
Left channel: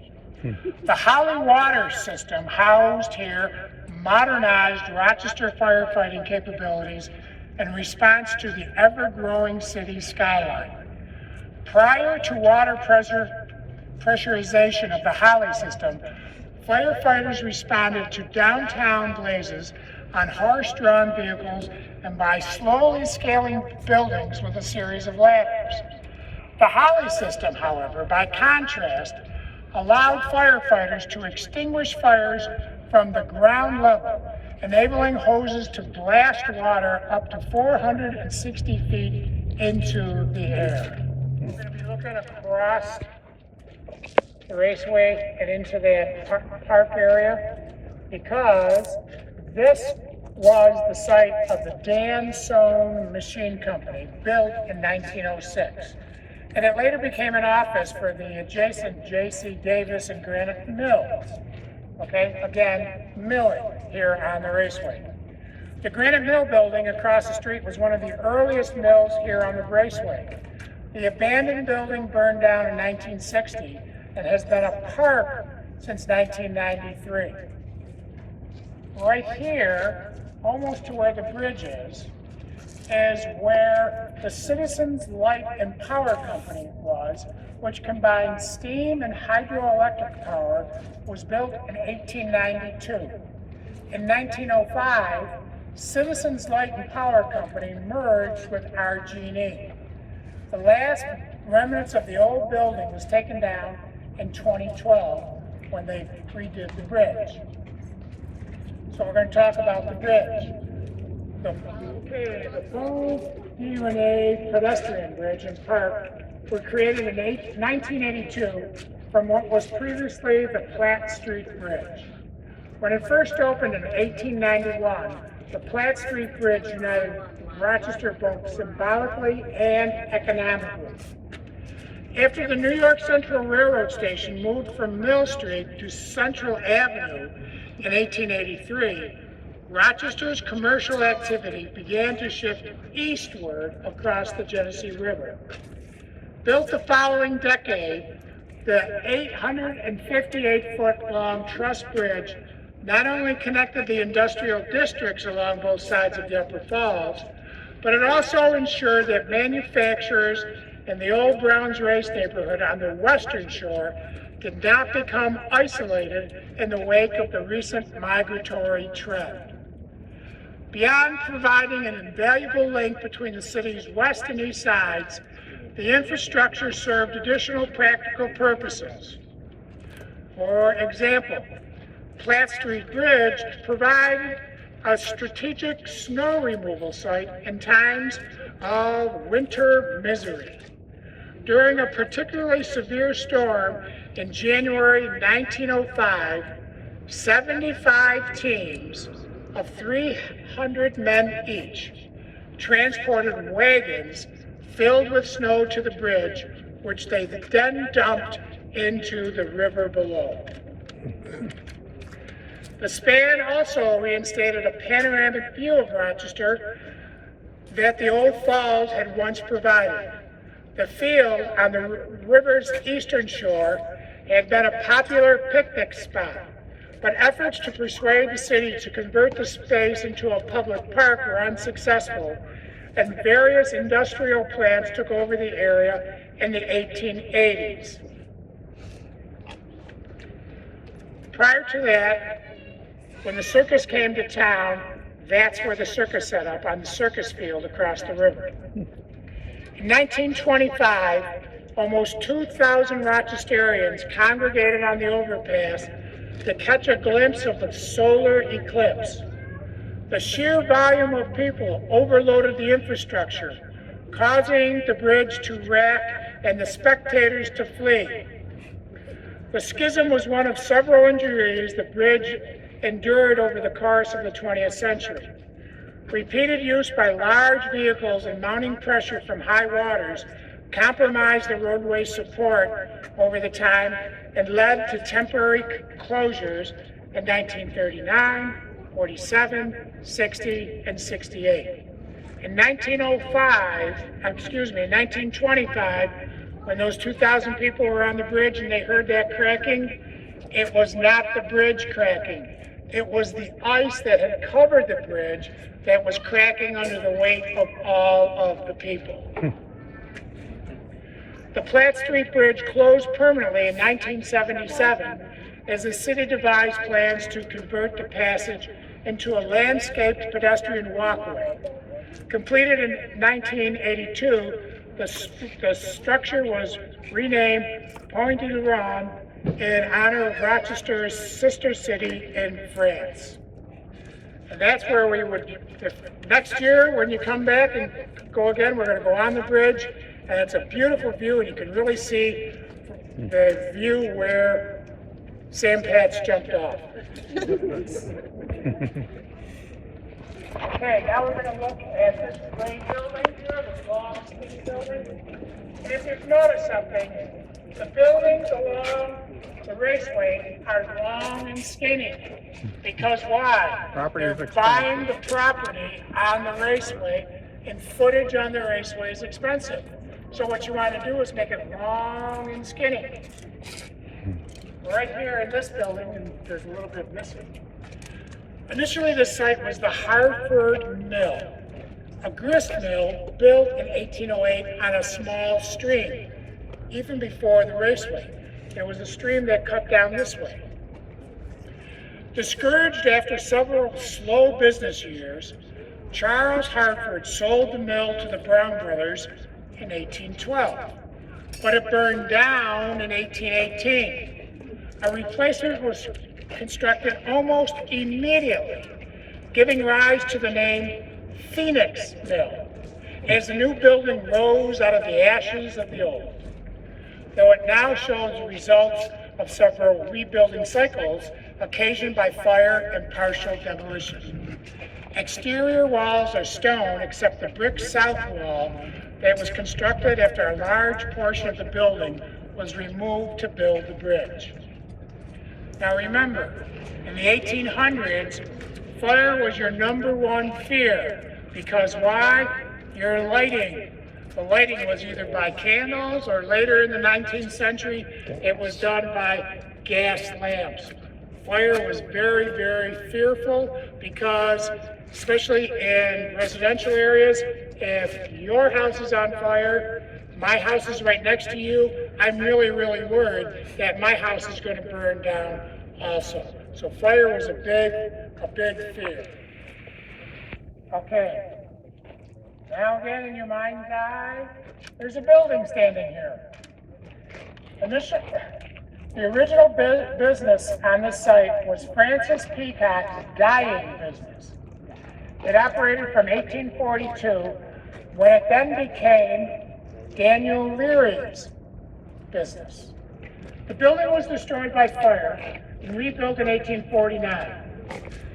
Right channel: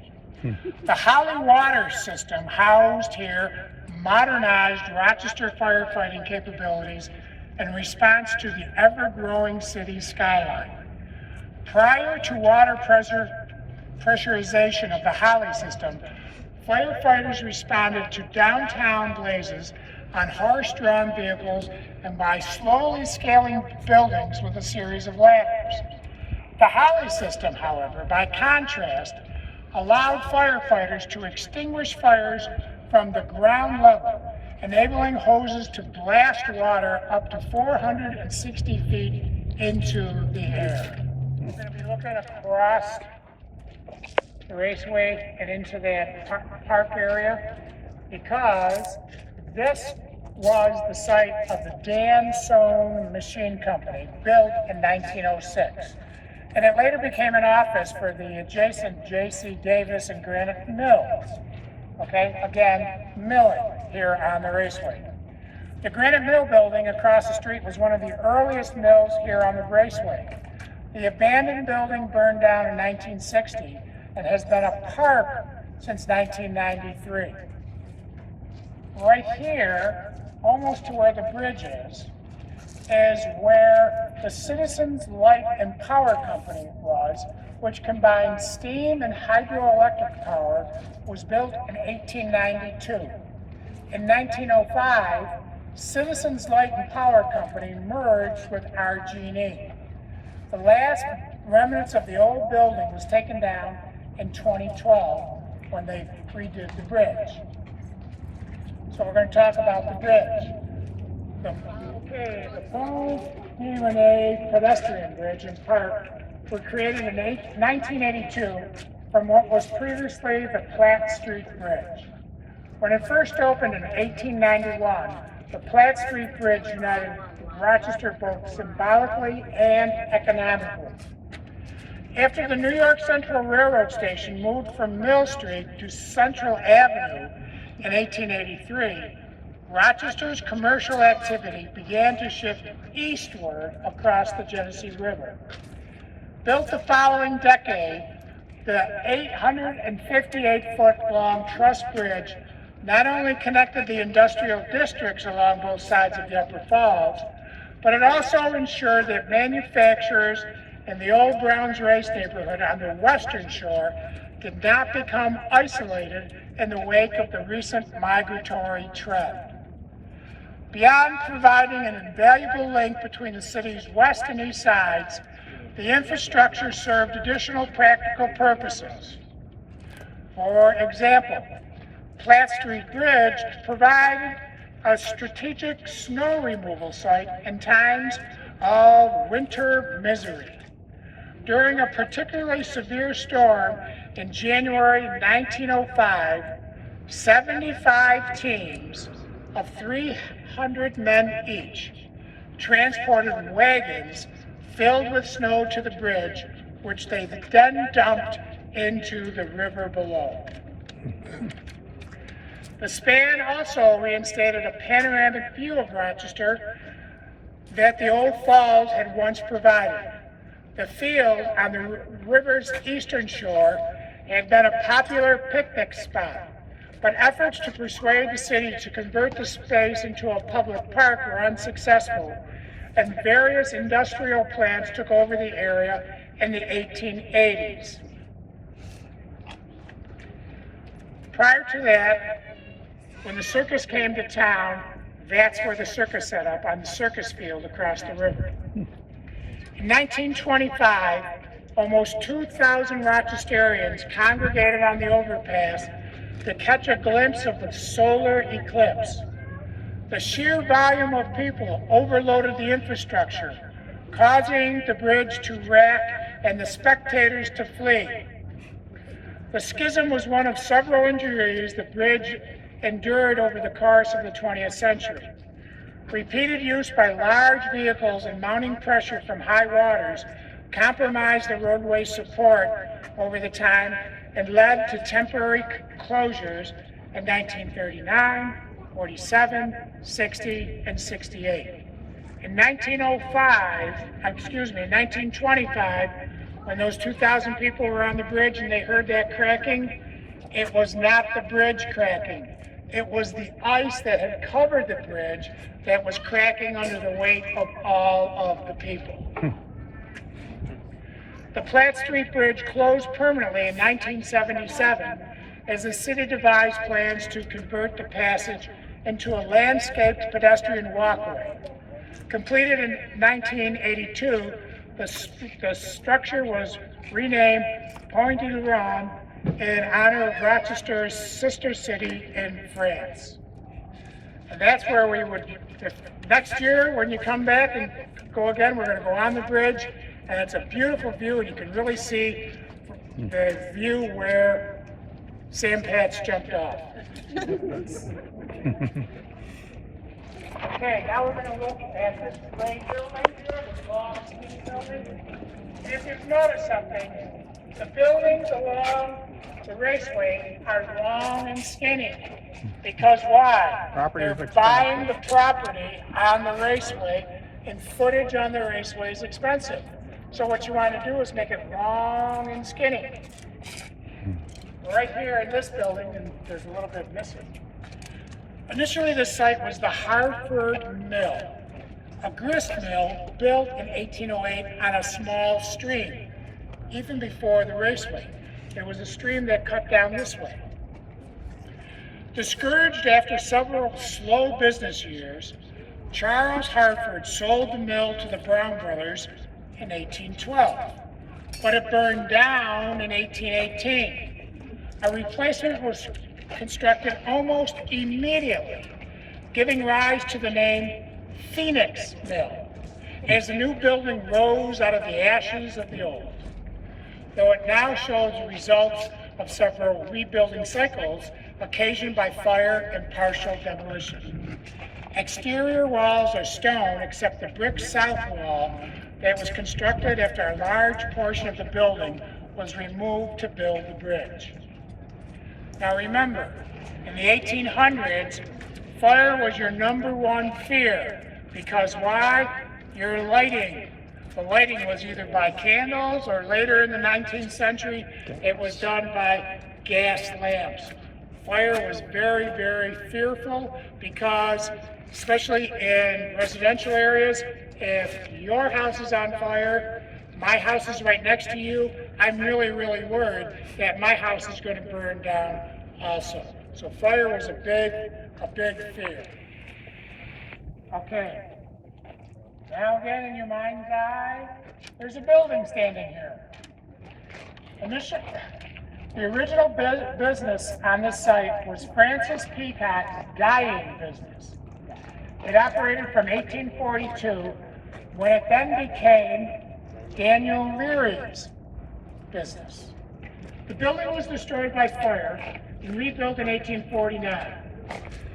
The Holly Water System housed here modernized Rochester firefighting capabilities in response to the ever-growing city skyline. Prior to water pressurization of the Holly system, firefighters responded to downtown blazes on horse-drawn vehicles and by slowly scaling buildings with a series of ladders. The Holly system, however, by contrast, allowed firefighters to extinguish fires from the ground level, enabling hoses to blast water up to 460 feet into the air. We're going to be looking across the raceway and into that park area because this was the site of the Dan Cody Machine Company, built in 1906. And it later became an office for the adjacent J.C. Davis and Granite Mills. Okay, again, milling here on the raceway. The Granite Mill building across the street was one of the earliest mills here on the raceway. The abandoned building burned down in 1960 and has been a park since 1993. Right here, almost to where the bridge is where the Citizens Light and Power Company was, which combined steam and hydroelectric power, was built in 1892. In 1905, Citizens Light and Power Company merged with RG&E. The last remnants of the old building was taken down in 2012 when they redid the bridge. So we're going to talk about the bridge. The Paul D. Renee pedestrian bridge and park were created in 1982 from what was previously the Platt Street Bridge. When it first opened in 1891, the Platt Street Bridge united Rochester both symbolically and economically. After the New York Central Railroad Station moved from Mill Street to Central Avenue in 1883, Rochester's commercial activity began to shift eastward across the Genesee River. Built the following decade, the 858-foot-long truss bridge not only connected the industrial districts along both sides of the Upper Falls, but it also ensured that manufacturers in the old Browns Race neighborhood on the western shore did not become isolated in the wake of the recent migratory trend. Beyond providing an invaluable link between the city's west and east sides, the infrastructure served additional practical purposes. For example, Platt Street Bridge provided a strategic snow removal site in times of winter misery. During a particularly severe storm in January 1905, 75 teams of 300 men each transported wagons filled with snow to the bridge, which they then dumped into the river below. The span also reinstated a panoramic view of Rochester that the old falls had once provided. The field on the river's eastern shore had been a popular picnic spot, but efforts to persuade the city to convert the space into a public park were unsuccessful, and various industrial plants took over the area in the 1880s. Prior to that, when the circus came to town, that's where the circus set up, on the circus field across the river. In 1925, almost 2,000 Rochesterians congregated on the overpass to catch a glimpse of the solar eclipse. The sheer volume of people overloaded the infrastructure, causing the bridge to wreck and the spectators to flee. The schism was one of several injuries the bridge endured over the course of the 20th century. Repeated use by large vehicles and mounting pressure from high waters compromised the roadway support over the time and led to temporary closures in 1939, 47, 60, and 68. In 1925, when those 2,000 people were on the bridge and they heard that cracking, it was not the bridge cracking. It was the ice that had covered the bridge that was cracking under the weight of all of the people. The Platt Street Bridge closed permanently in 1977 as the city devised plans to convert the passage into a landscaped pedestrian walkway. Completed in 1982, the structure was renamed Point de Rome in honor of Rochester's sister city in France. And that's where we would, next year when you come back and go again, we're going to go on the bridge, and it's a beautiful view, and you can really see the view where Sam Patch jumped off. Okay, now we're going to look at this gray building here, this long skinny building. And if you've noticed something, the buildings along the raceway are long and skinny. Because why? They're buying the property on the raceway, and footage on the raceway is expensive. So what you want to do is make it long and skinny. Right here in this building, and there's a little bit missing. Initially, the site was the Hartford Mill, a grist mill built in 1808 on a small stream. Even before the raceway, there was a stream that cut down this way. Discouraged after several slow business years, Charles Hartford sold the mill to the Brown brothers in 1812, but it burned down in 1818. A replacement was constructed almost immediately, giving rise to the name Phoenix Mill, as the new building rose out of the ashes of the old. though it now shows the results of several rebuilding cycles occasioned by fire and partial demolition. Exterior walls are stone except the brick south wall that was constructed after a large portion of the building was removed to build the bridge. Now remember, in the 1800s, fire was your number one fear, because why? Your lighting. The lighting was either by candles, or later in the 19th century, it was done by gas lamps. Fire was very, very fearful because, especially in residential areas, if your house is on fire, my house is right next to you, I'm really, really worried that my house is going to burn down also. So fire was a big fear. Okay. Now again, in your mind's eye, there's a building standing here. The original business on this site was Francis Peacock's dyeing business. It operated from 1842, when it then became Daniel Leary's business. The building was destroyed by fire and rebuilt in 1849.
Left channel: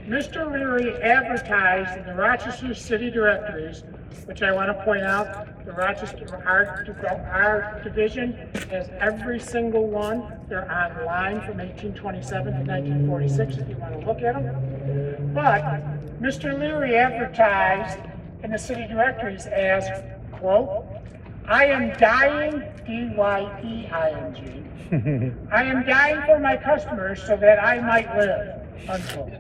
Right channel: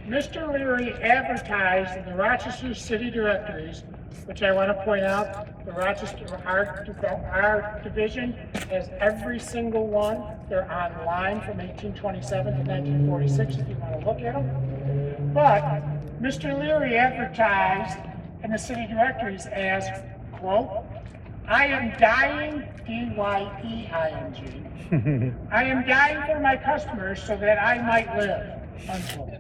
Mr. Leary advertised in the Rochester City Directories, which I want to point out, the Rochester Art Division has every single one. They're online from 1827 to 1946 if you want to look at them. But Mr. Leary advertised in the city directories as, quote, "I am dying, D-Y-E-I-N-G. I am dying for my customers so that I might live," unquote.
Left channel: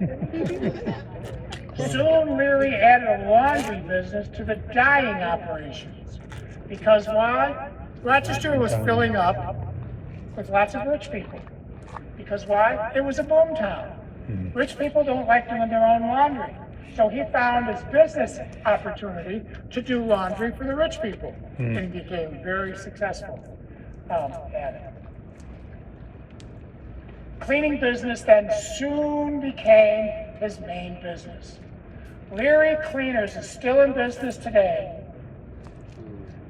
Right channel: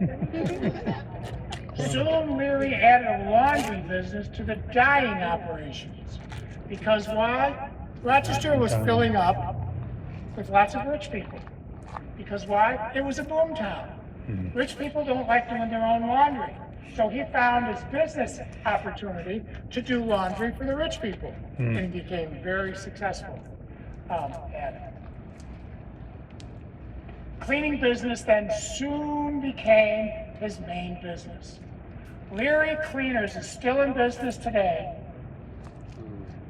Soon Leary added a laundry business to the dyeing operations. Because why? Rochester was filling up with lots of rich people. Because why? It was a boom town. Rich people don't like doing their own laundry. So he found his business opportunity to do laundry for the rich people and became very successful at it. Cleaning business then soon became his main business. Leary Cleaners is still in business today,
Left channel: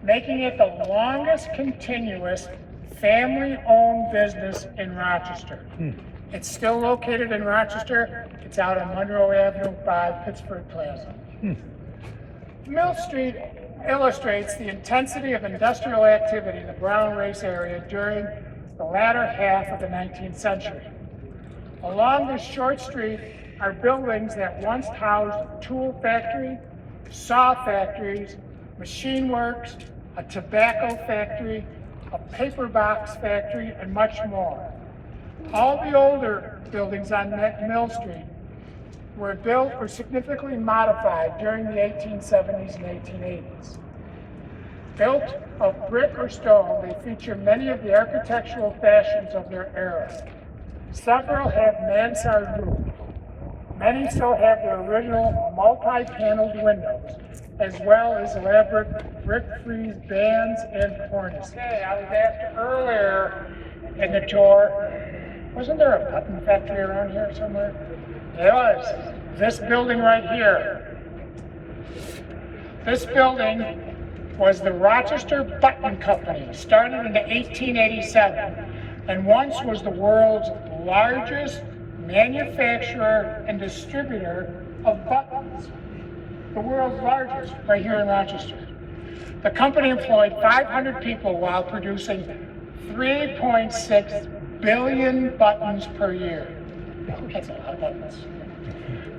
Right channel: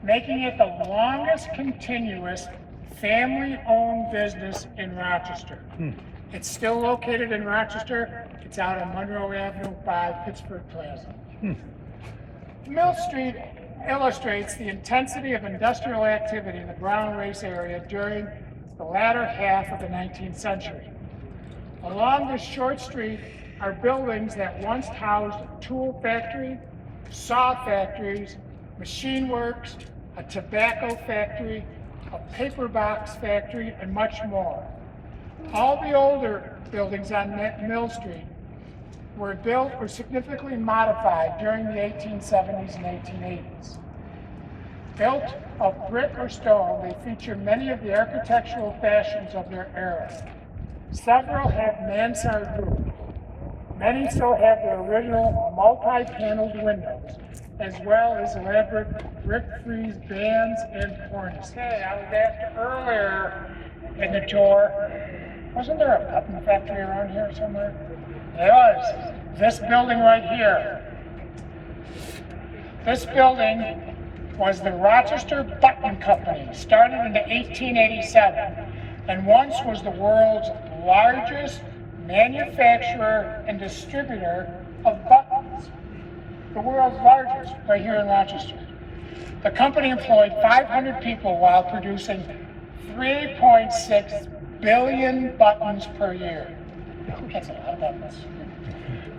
making it the longest continuous family-owned business in Rochester. It's still located in Rochester. It's out on Monroe Avenue by Pittsburgh Plaza. Mill Street illustrates the intensity of industrial activity in the brown race area during the latter half of the 19th century. Along this short street are buildings that once housed a tool factory, saw factories, machine works, a tobacco factory, a paper box factory, and much more. All the older buildings on Mill Street were significantly modified during the 1870s and 1880s. Built of brick or stone, they feature many of the architectural fashions of their era. Several have mansard roofs. Many still have their original multi-paneled windows, as well as elaborate brick frieze bands and cornices. I was asked earlier in the tour, wasn't there a button factory around here somewhere? There was. This building right here. This building was the Rochester Button Company, started in 1887, and once was the world's largest manufacturer and distributor of buttons. The world's largest, right here in Rochester. The company employed 500 people while producing 3.6 billion buttons per year. That's a lot of buttons.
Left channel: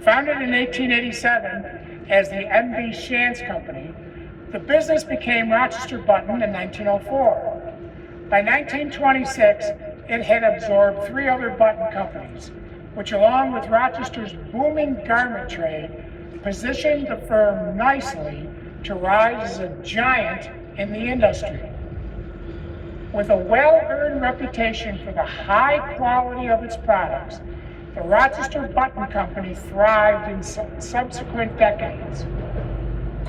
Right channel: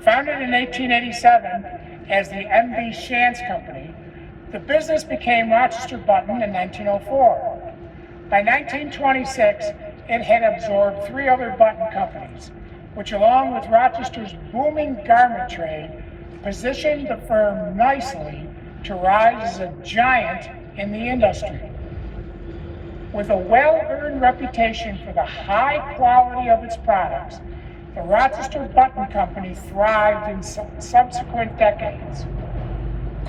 Founded in 1887 as the M.B. Shantz Company, the business became Rochester Button in 1904. By 1926, it had absorbed 3 other button companies, which along with Rochester's booming garment trade, positioned the firm nicely to rise as a giant in the industry. With a well-earned reputation for the high quality of its products, the Rochester Button Company thrived in subsequent decades.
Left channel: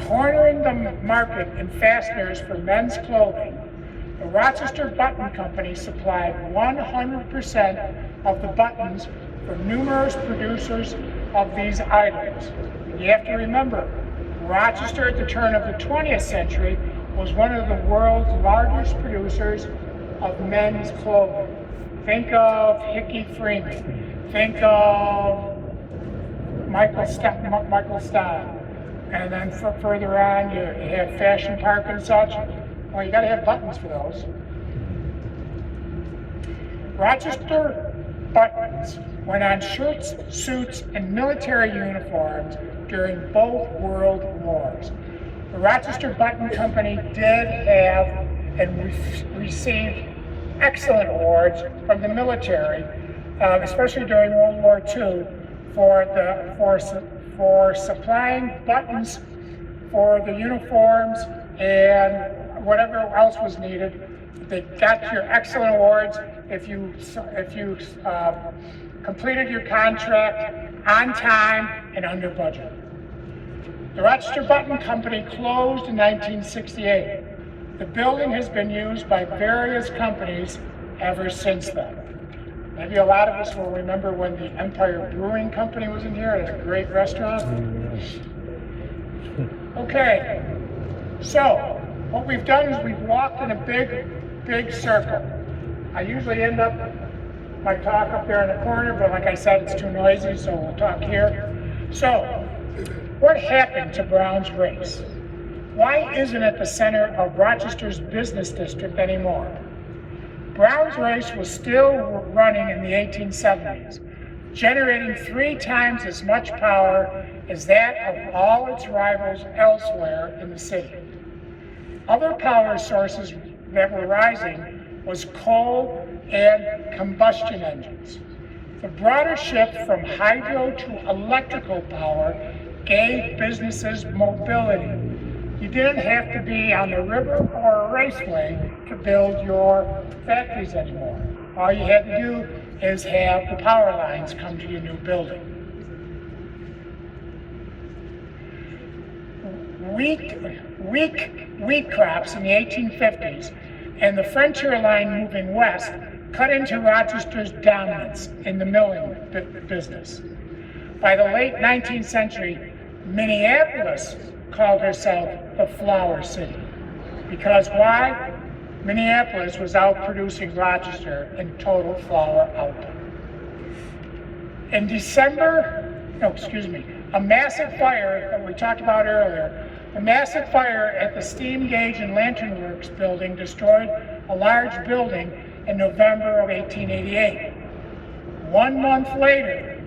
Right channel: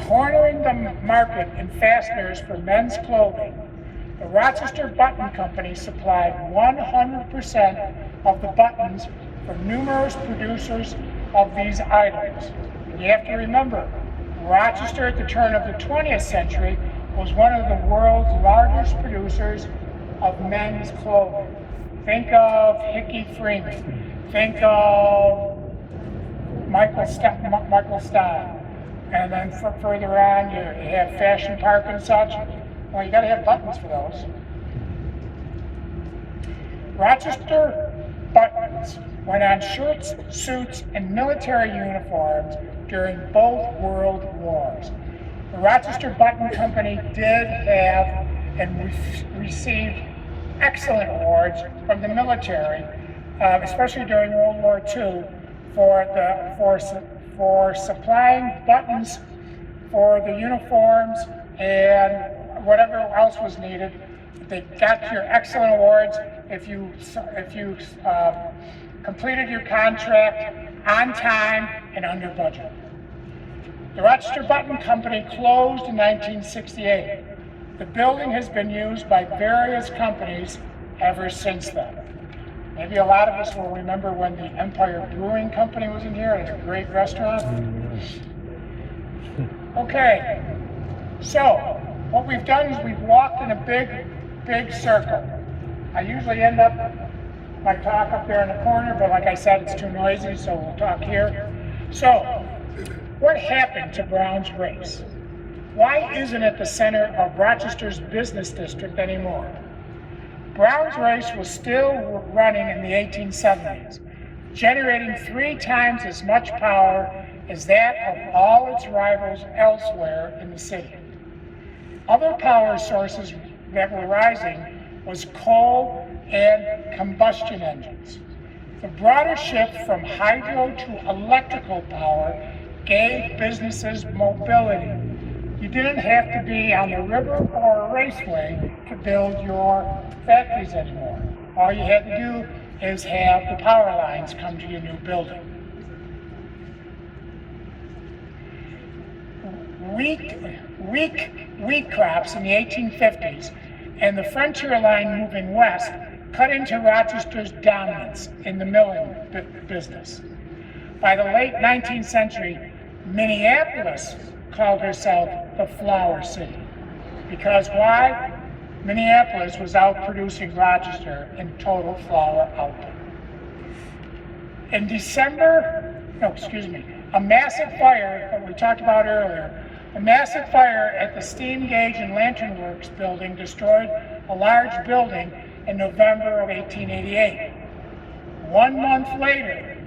Cornering the market in fasteners for men's clothing, the Rochester Button Company supplied 100% of the buttons for numerous producers of these items. You have to remember, Rochester at the turn of the 20th century was one of the world's largest producers of men's clothing. Think of Hickey Freeman. Think of Michael Stein. And then further on, you have Fashion Park and such. Well, you gotta have buttons for those. Rochester buttons went on shirts, suits, and military uniforms during both world wars. The Rochester Button Company did have and received excellent awards from the military, especially during World War II, for supplying buttons for the uniforms and whatever else was needed. They got your excellent awards if you completed your contract on time and under budget. The Rochester Button Company closed in 1968. The building has been used by various companies ever since then. Maybe a lot of us will remember when the Empire Brewing Company was in here. It was a great restaurant. Okay, so what we've done is we've walked in a big circle. I usually end up my talk up there in the corner, but like I said, it's too noisy, so we'll talk here. So, what happened to Brown's Race? Why isn't it the center of Rochester's business district anymore? Brown's Race was still running in the 1870s, generating 3 times as much power as that of all its rivals elsewhere in the city. Other power sources that were rising was coal and combustion engines. The broader shift from hydro to electrical power gave businesses mobility. You didn't have to be on the river or a raceway to build your factories anymore. All you had to do is have the power lines come to your new building. Wheat crops in the 1850s and the frontier line moving west cut into Rochester's dominance in the milling business. By the late 19th century, Minneapolis called herself the Flour City. Because why? Minneapolis was outproducing Rochester in total flour output. In a massive fire that we talked about earlier, a massive fire at the Steam Gauge and Lantern Works building destroyed a large building in November of 1888. 1 month later,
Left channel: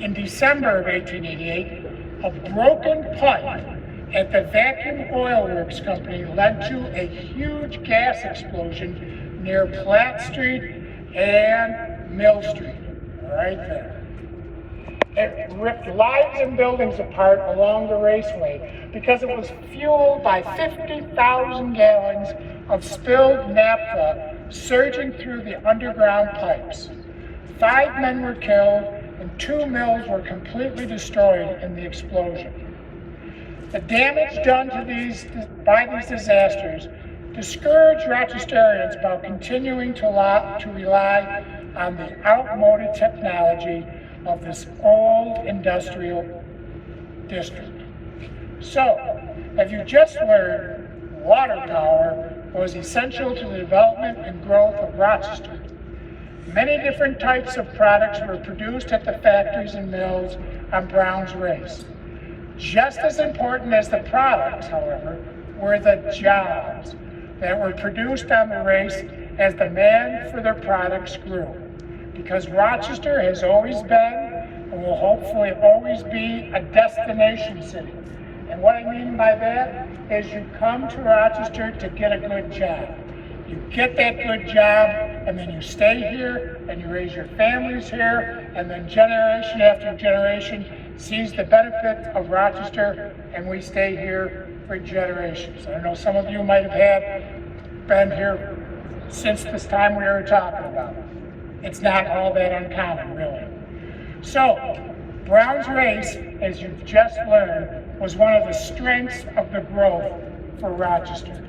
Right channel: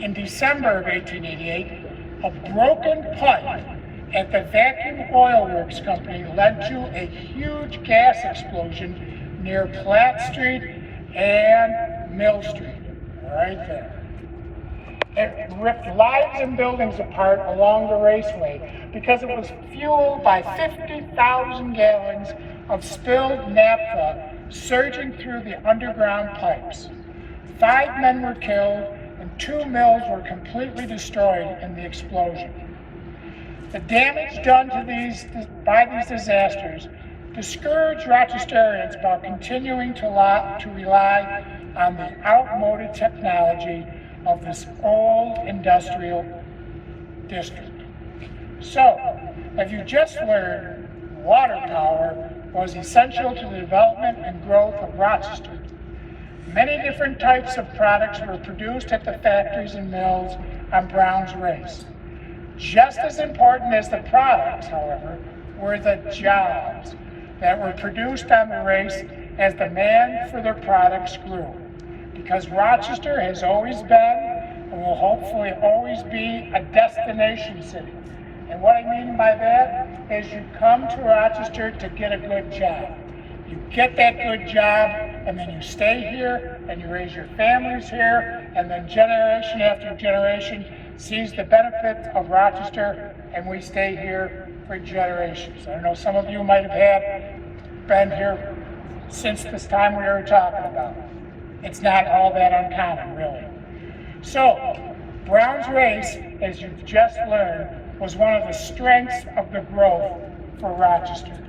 in December of 1888, a broken pipe at the Vacuum Oil Works Company led to a huge gas explosion near Platt Street and Mill Street, right there. It ripped lives and buildings apart along the raceway because it was fueled by 50,000 gallons of spilled naphtha surging through the underground pipes. 5 men were killed and 2 mills were completely destroyed in the explosion. The damage done by these disasters discouraged Rochesterians about continuing to rely on the outmoded technology of this old industrial district. So, as you just learned, water power was essential to the development and growth of Rochester. Many different types of products were produced at the factories and mills on Brown's Race. Just as important as the products, however, were the jobs that were produced on the race as demand for their products grew. Because Rochester has always been, and will hopefully always be, a destination city. And what I mean by that is you come to Rochester to get a good job. You get that good job, and then you stay here, and you raise your families here, and then generation after generation sees the benefits of Rochester, and we stay here for generations. I know some of you might have been here since this time we were talking about. It's not all that uncommon, really. So, Brown's Race, as you've just learned, was one of the strengths of the growth for Rochester.